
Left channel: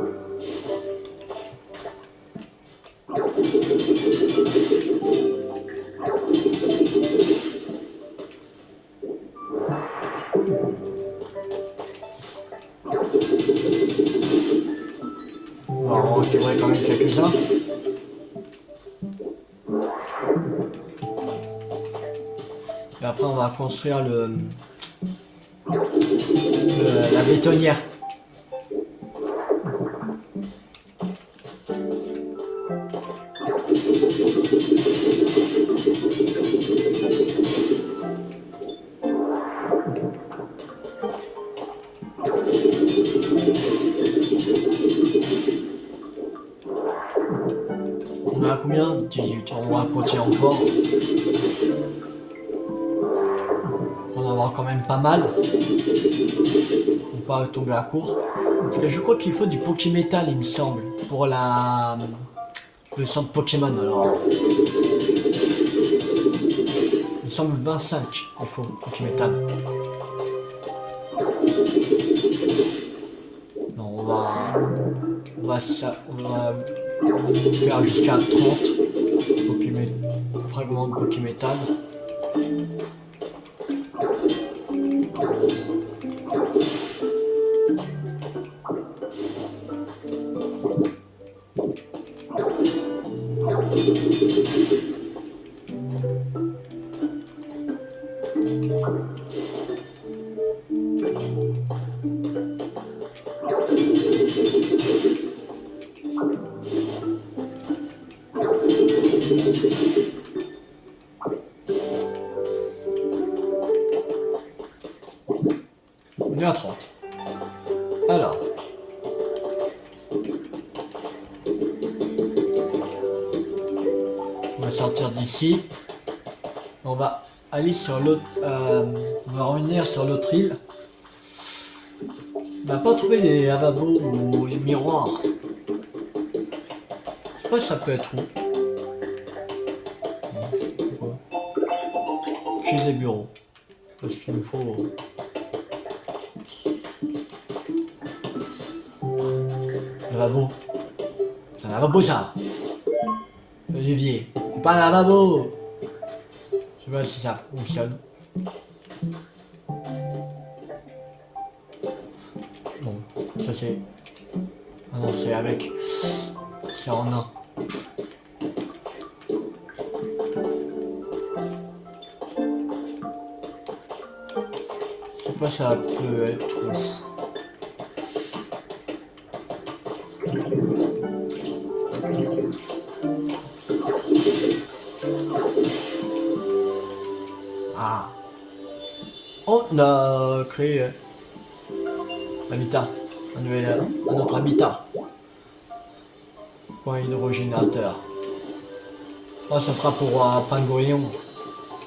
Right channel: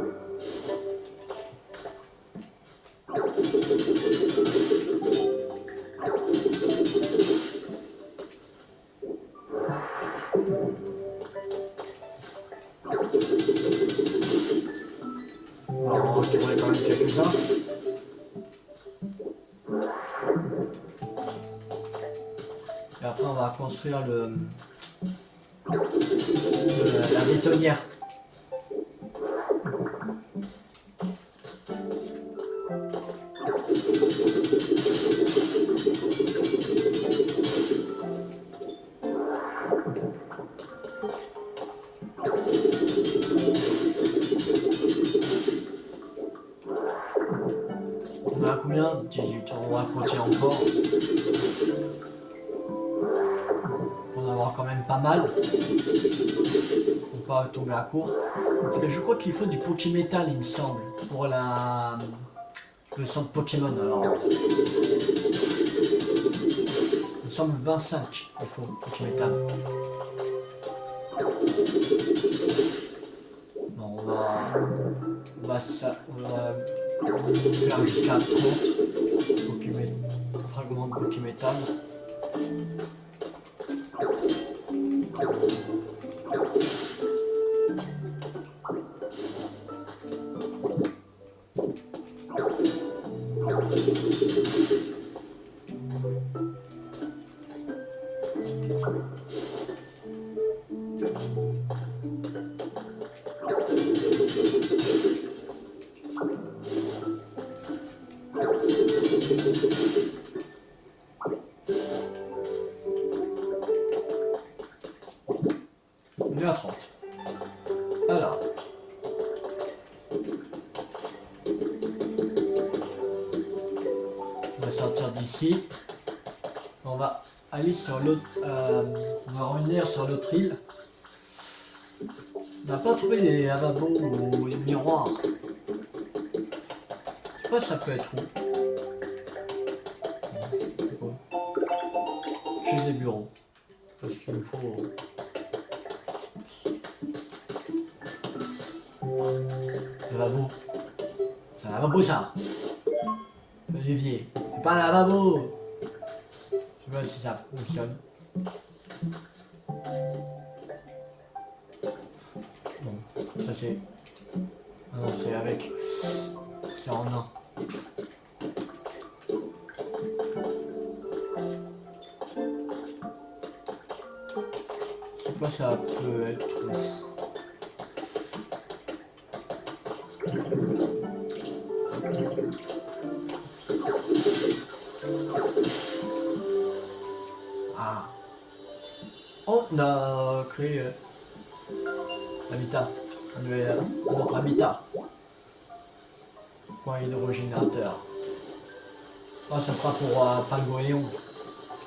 On va en récupérer quand même quelques-uns. Et après, on va construire la bétonnière. On a combien? 18. On va continuer encore. On va en avoir quand même pas mal. On va pas tomber à court. Parce que je crois qu'il faut du Pokémétal, il me semble. Pour le centre Pokémon. Alors. Il me semble 25. Il faut Pokémétal. Non, on va faire jusqu'à 30 fragments de Pokémétal. On est à 30. Alors. On va sortir d'ici. On va aller sur l'autre. On va revenir sur l'autre île. On n'a pas trouvé les lavabos ou les miroirs. Je sais pas ça peut être où. Chez les bureaux. Parce qu'il me faut. Lavabo. C'est un lavabo ça. Olivier. C'est pas un lavabo. Je sais pas si ça fonctionne. Bon, ça c'est. Ah non, c'est avec. C'est en un. Je sais pas ça peut être. Ah. On a créé l'habitat. Un autre habitat. Point hydrogénateur. Oh, ça sera pour Pangolion.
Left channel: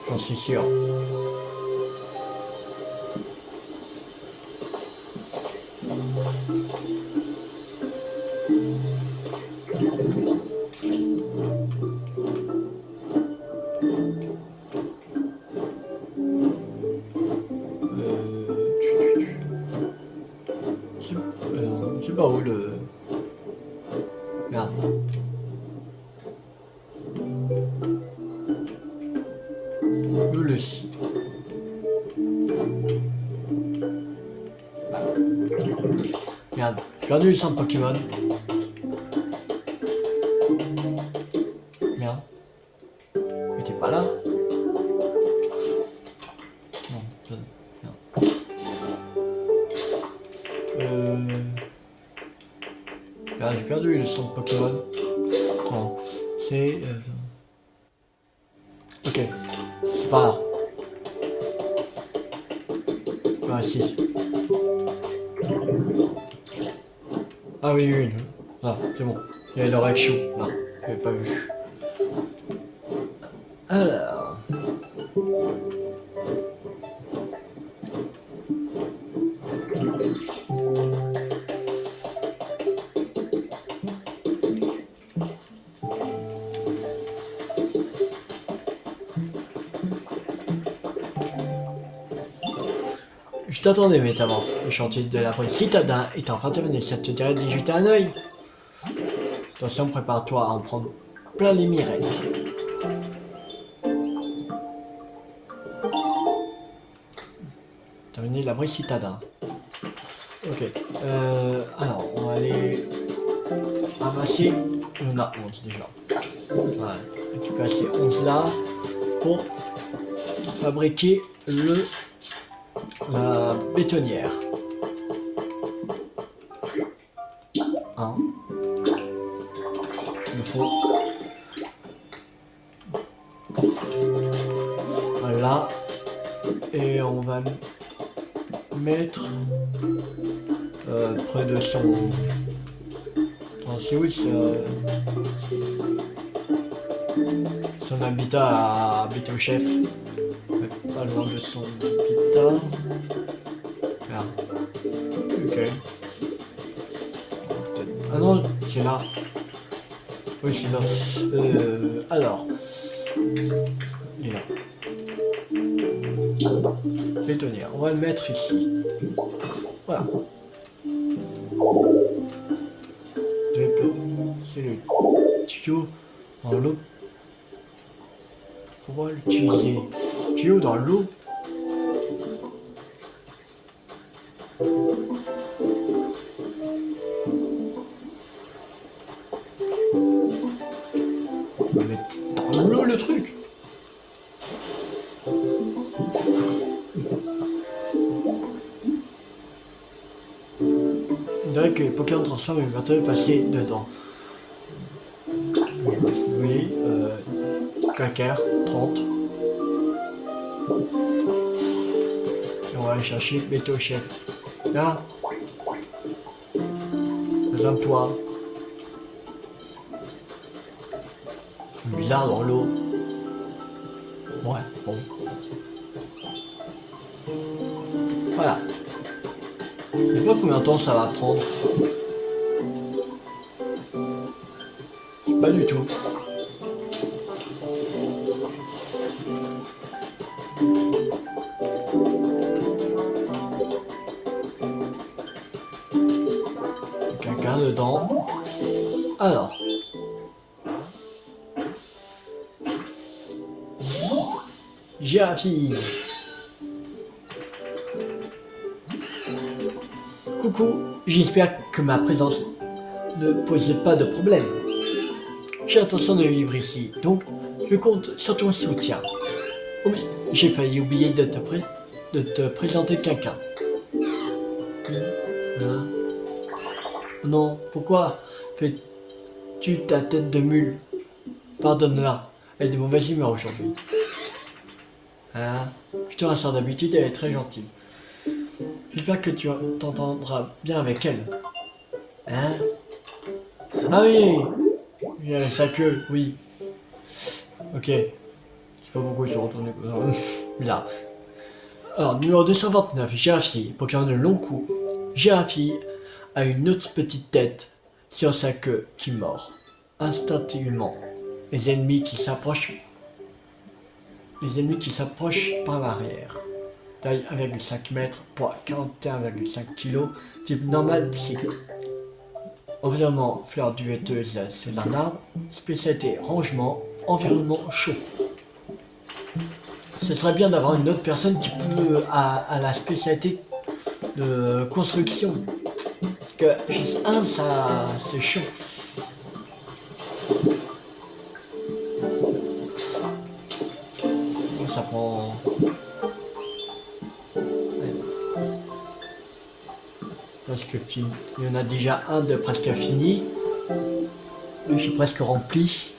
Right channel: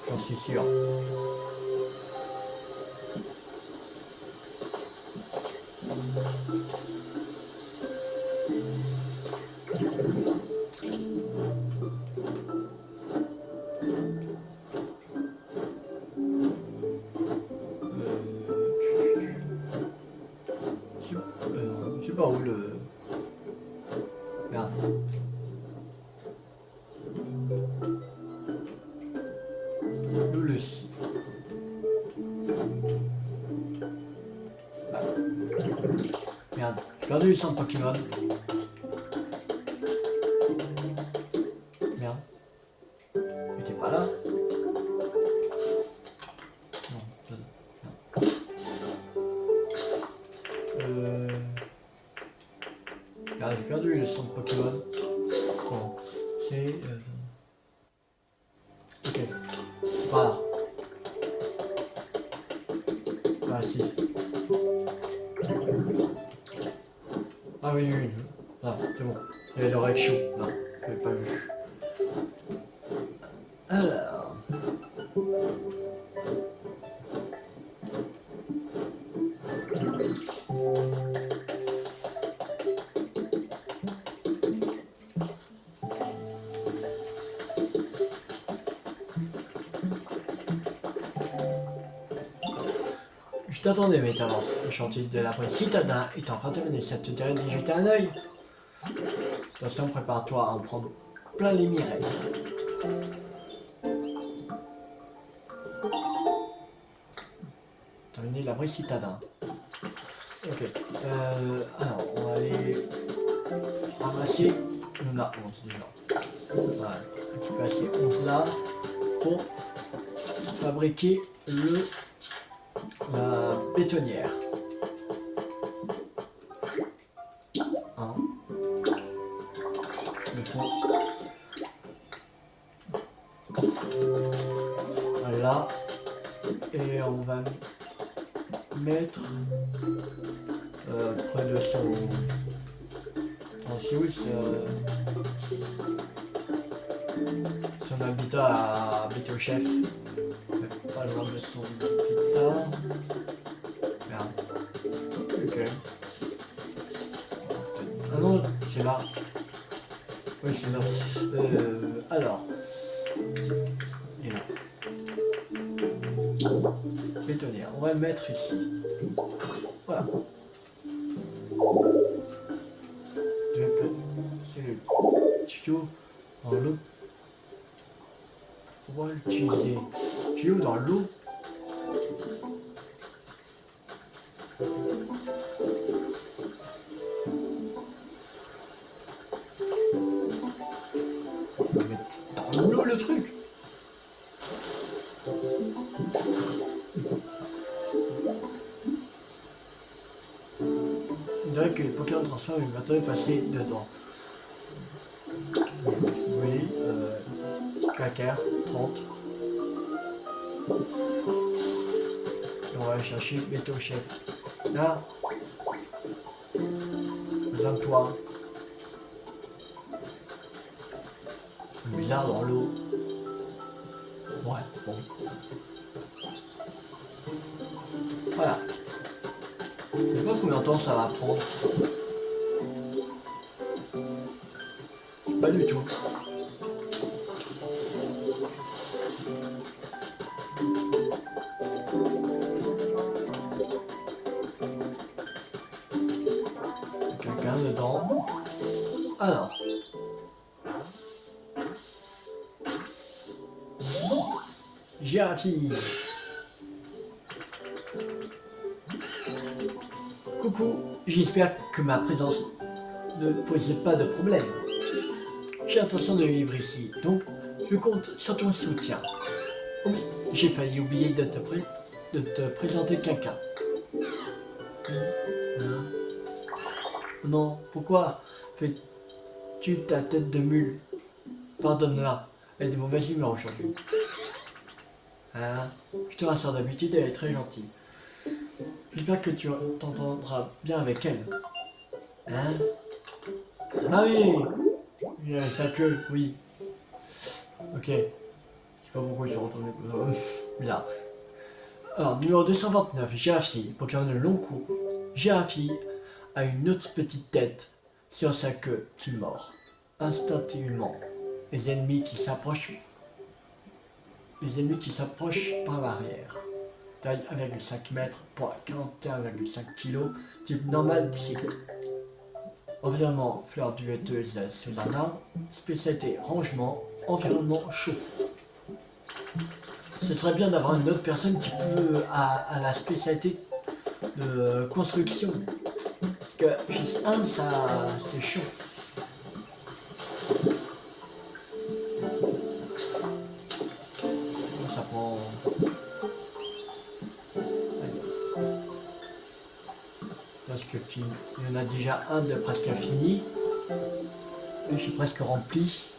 J'en suis sûr. Je sais pas où le. Merde. Où le. Ah. Merde. J'ai perdu le centre Pokémon. Merde. Il était pas là. Non, ça. Merde. Ah, j'ai perdu le centre Pokémon. Attends. C'est. Ok. C'est pas là. Ah si. Ah oui, oui, oui. Ah, c'est bon. Il y avait le Raichu, là. Je l'avais pas vu. Alors. Je t'attendais, métamorphe. Le chantier de la police citadin est enfin terminé. Ça te dirait d'y jeter un œil? Attention, prépare-toi à en prendre plein les mirettes. Terminé l'abri citadin. Ok. Alors, on va aller ramasser. On a 11 déjà. Voilà. Récupérer ces 11 là pour fabriquer la bétonnière. 1. Il faut. Voilà. Et on va mettre près de son. C'est où son habitat à Beto Chef. Pas loin de son habitat. Merde. Ok. Ah non, c'est là. Oui, c'est là. Alors. Il est là. Bétonnière. On va le mettre ici. Voilà. C'est le tuyau dans l'eau. On va l'utiliser. Tuyau dans l'eau. On va mettre dans l'eau le truc. On dirait que Pokémon transforme une matériau passé dedans. Oui, calcaire, 30. Et on va aller chercher Beto Chef. Là, besoin de toi. Bizarre dans l'eau. Ouais, bon. Voilà. Je sais pas combien de temps ça va prendre. Pas du tout. Quelqu'un dedans. Alors. Girafi. Coucou, j'espère que ma présence ne posait pas de problème. J'ai l'intention de vivre ici, donc je compte sur ton soutien. Oh oui, j'ai failli oublier de te présenter quelqu'un. Hein? Non, pourquoi fais-tu ta tête de mule? Pardonne-la, elle est de mauvaise humeur aujourd'hui. Hein? Je te rassure, d'habitude, elle est très gentille. J'espère que tu t'entendras bien avec elle. Hein? Ah oui! Il y a sa queue, oui. Ok. C'est pas pourquoi il s'est retourné comme ça. Bizarre. Alors, numéro 229, Girafi, Pokémon de long cou. Girafi a une autre petite tête sur sa queue qui mord. Instinctivement, les ennemis qui s'approchent par l'arrière. Taille 1,5 m, poids 41,5 kg, type normal psy. Environnement fleur duvetteuse, c'est un arbre. Spécialité rangement, environnement chaud. Ce serait bien d'avoir une autre personne qui peut à la spécialité de construction. Parce que juste un, ça c'est chaud. Ça prend. Presque fini. Il y en a déjà un de presque fini. Lui, je suis presque rempli.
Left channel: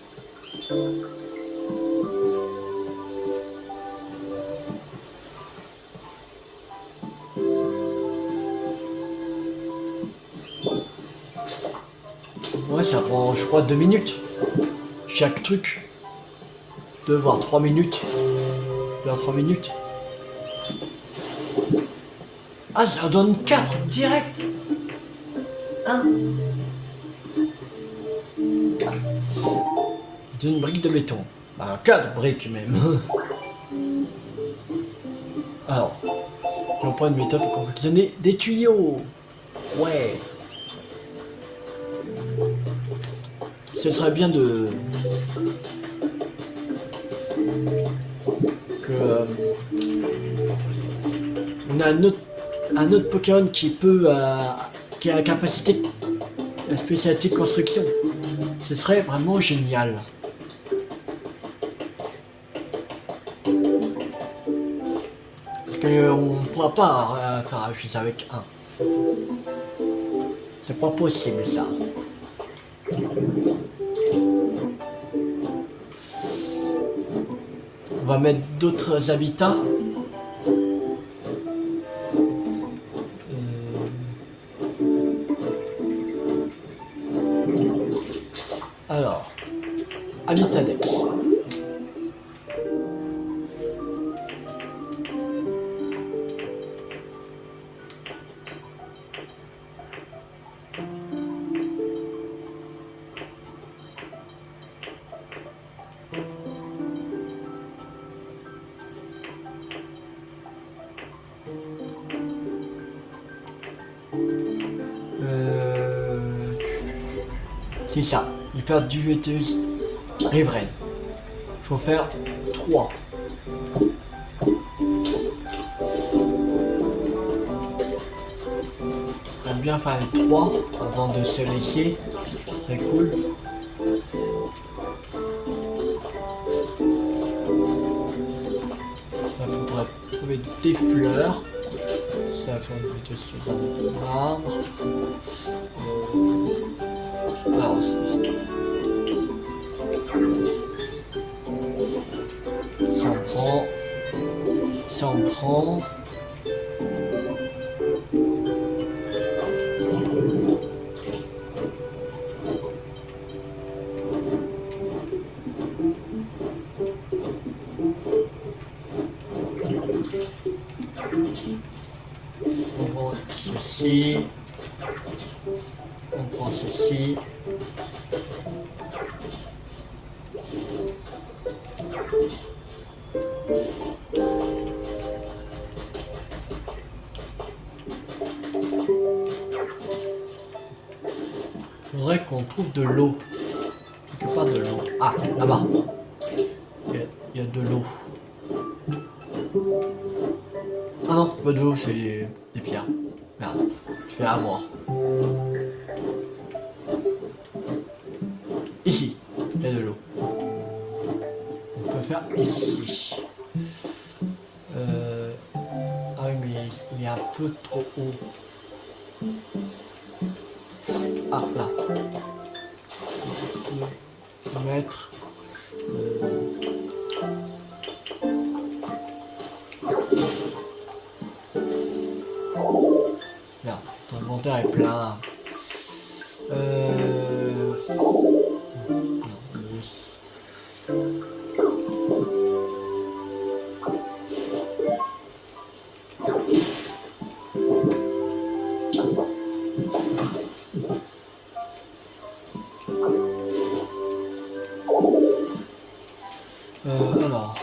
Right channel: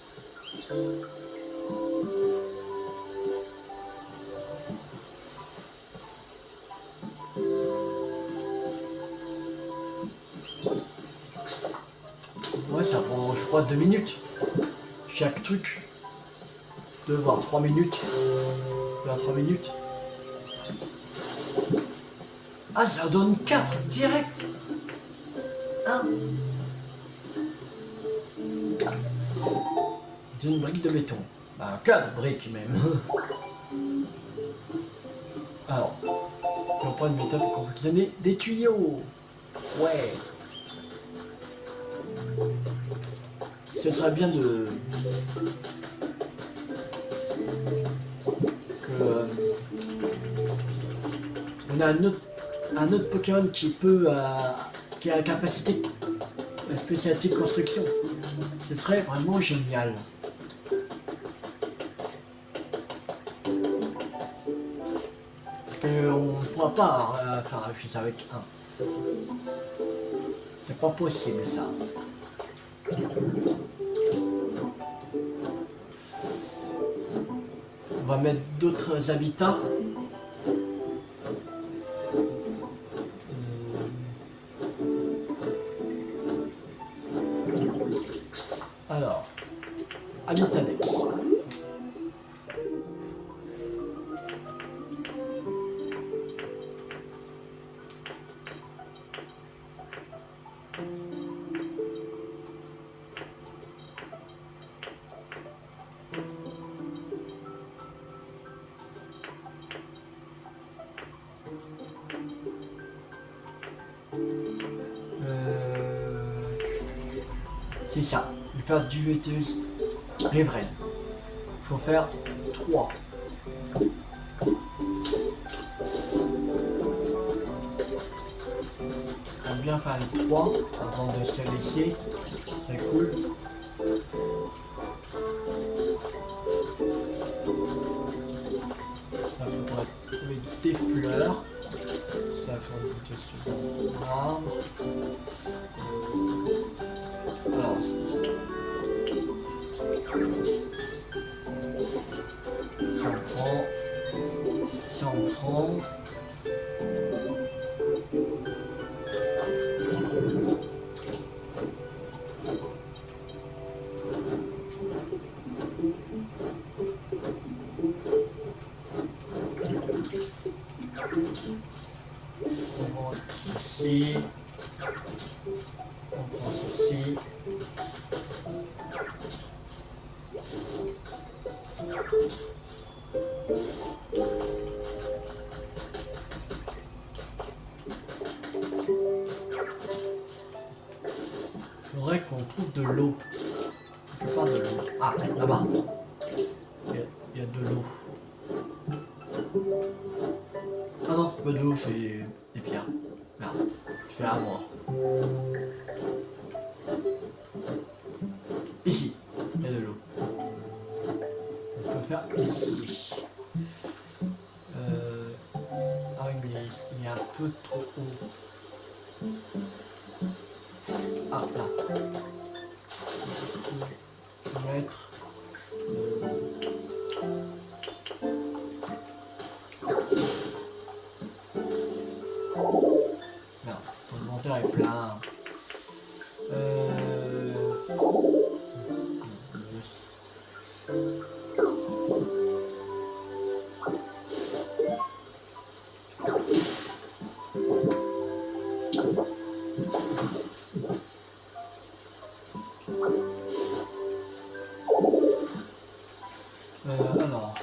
Ouais, ça prend, je crois, 2 minutes. Chaque truc. 2 voire 3 minutes. 2 à 3 minutes. Ah, ça donne 4 direct. 1. D'une brique de béton. Bah, 4 briques même. Alors, donc pas une méthode pour confectionner des tuyaux. Ouais. Ce serait bien de... que... on a un autre Pokémon qui peut... qui a la capacité... la spécialité de construction. Ce serait vraiment génial. Parce qu'on ne pourra pas faire juste avec un. C'est pas possible ça. On va mettre d'autres habitats. Alors, habitat Dex. C'est ça, il faut faire duetteuse riveraine. Il faut faire 3. On va bien faire les 3 avant de se laisser. C'est cool. Il faudra trouver des fleurs. Ça fait plutôt sur un marbre. Alors, ça on prend. Ça on prend. On prend ceci. On prend ceci. Faudrait qu'on trouve de l'eau. Quelque part de l'eau. Ah, là-bas. Il y a de l'eau. Ah non, pas de l'eau, c'est des pierres. Merde, je fais avoir. Ici, il y a de l'eau. On peut faire ici. Ah oui, mais il est un peu trop haut. Ah, là. On peut mettre... Là, ton inventaire est plein. Alors.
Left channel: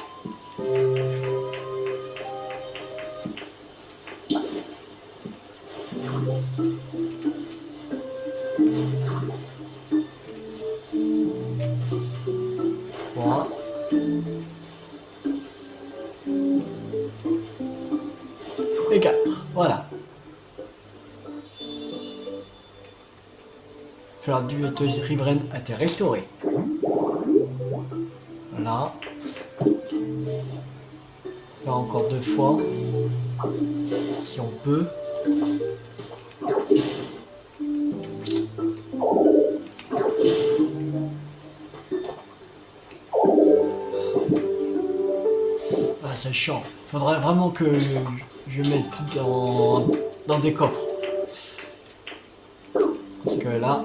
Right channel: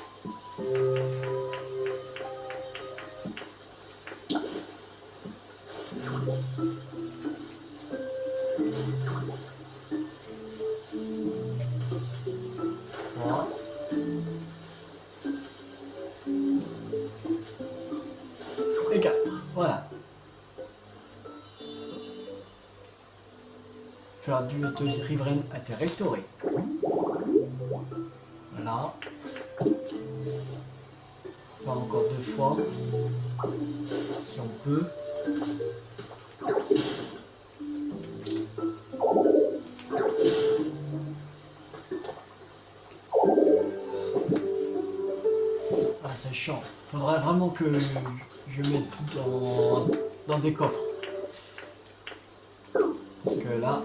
Voilà. Et 4. Voilà. Faire du riveraine a été restauré. Voilà. Faire encore 2 fois. Si on peut. Ah, c'est chiant. Faudrait vraiment que je mette dans des coffres. Parce que là...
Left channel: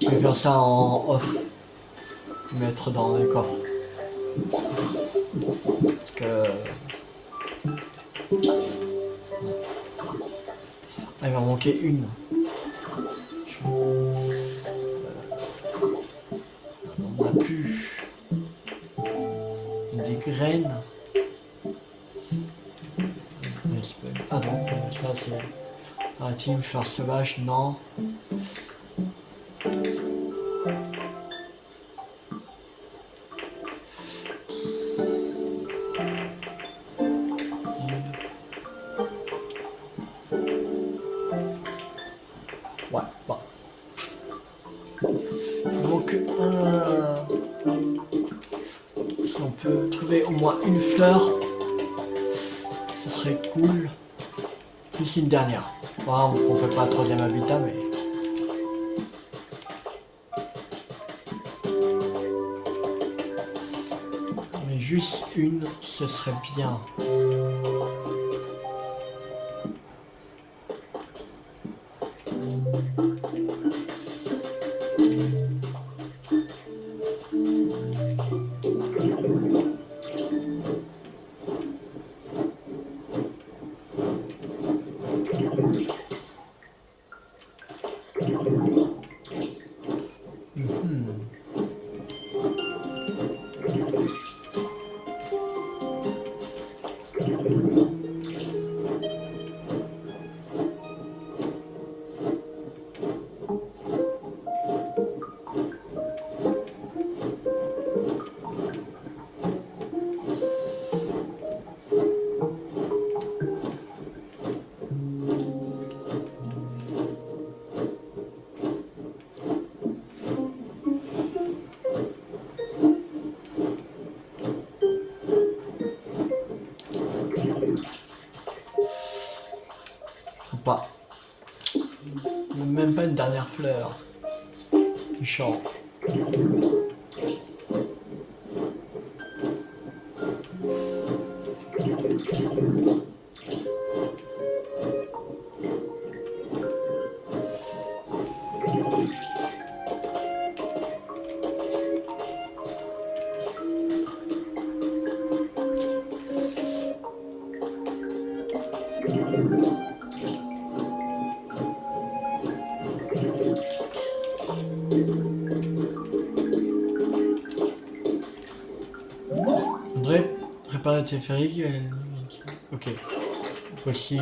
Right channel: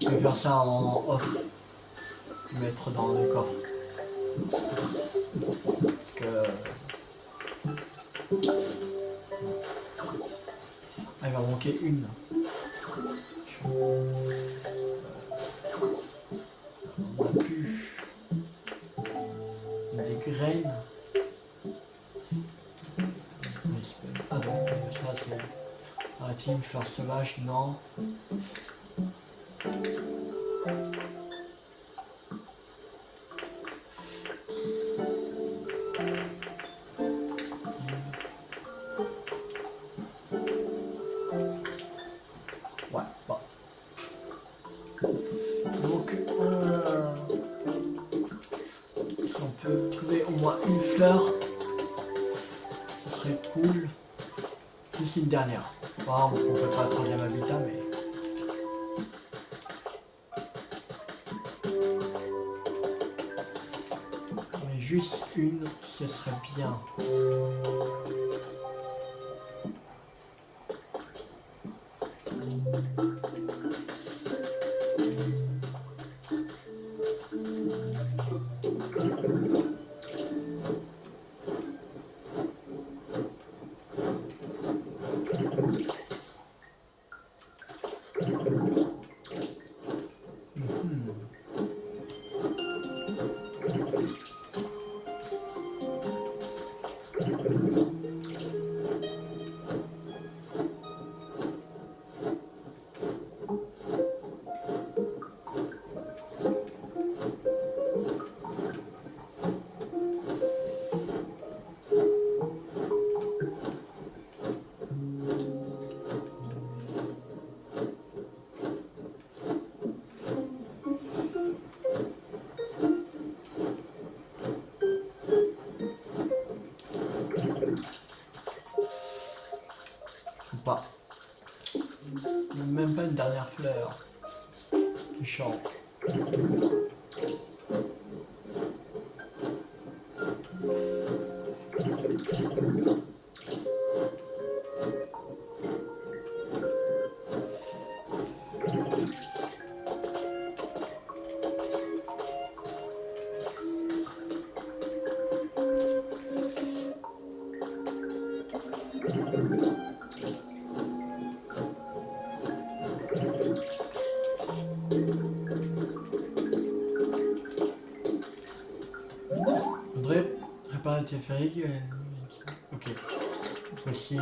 Je vais faire ça en off. Mettre dans les coffres. Parce que... Ah, il va manquer une. On n'a plus des graines. Ah non, ça c'est la team fleur sauvage, non. Ouais, bon. Il manque un. Si on peut trouver au moins une fleur, ce serait cool. Plus une dernière. Bon, on fait pas un troisième habitat, mais. Mais juste une, ce serait bien. Pas. Même pas une dernière fleur. Méchant. Faudrait réparer le téléphérique. Ok. Voici.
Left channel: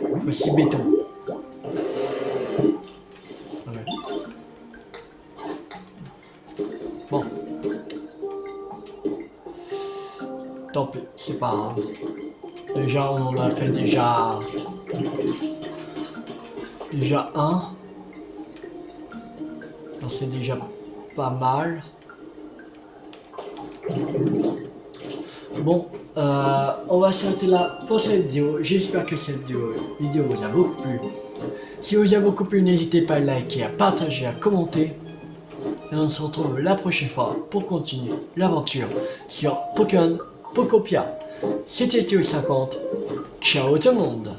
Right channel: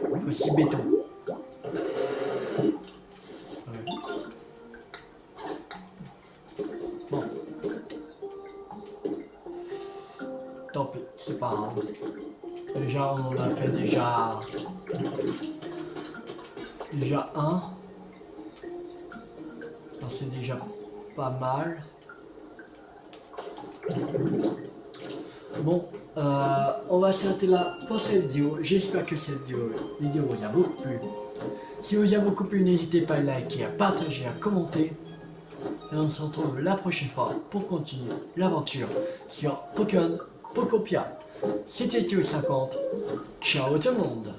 Voici béton. Ouais. Bon. Tant pis, c'est pas grave. Déjà, on en a fait déjà un. C'est déjà pas mal. Bon, on va s'arrêter là pour cette vidéo. J'espère que cette vidéo vous a beaucoup plu. Si vous a beaucoup plu, n'hésitez pas à liker, à partager, à commenter. Et on se retrouve la prochaine fois pour continuer l'aventure sur Pokémon Pokopia. C'était Théo50. Ciao tout le monde.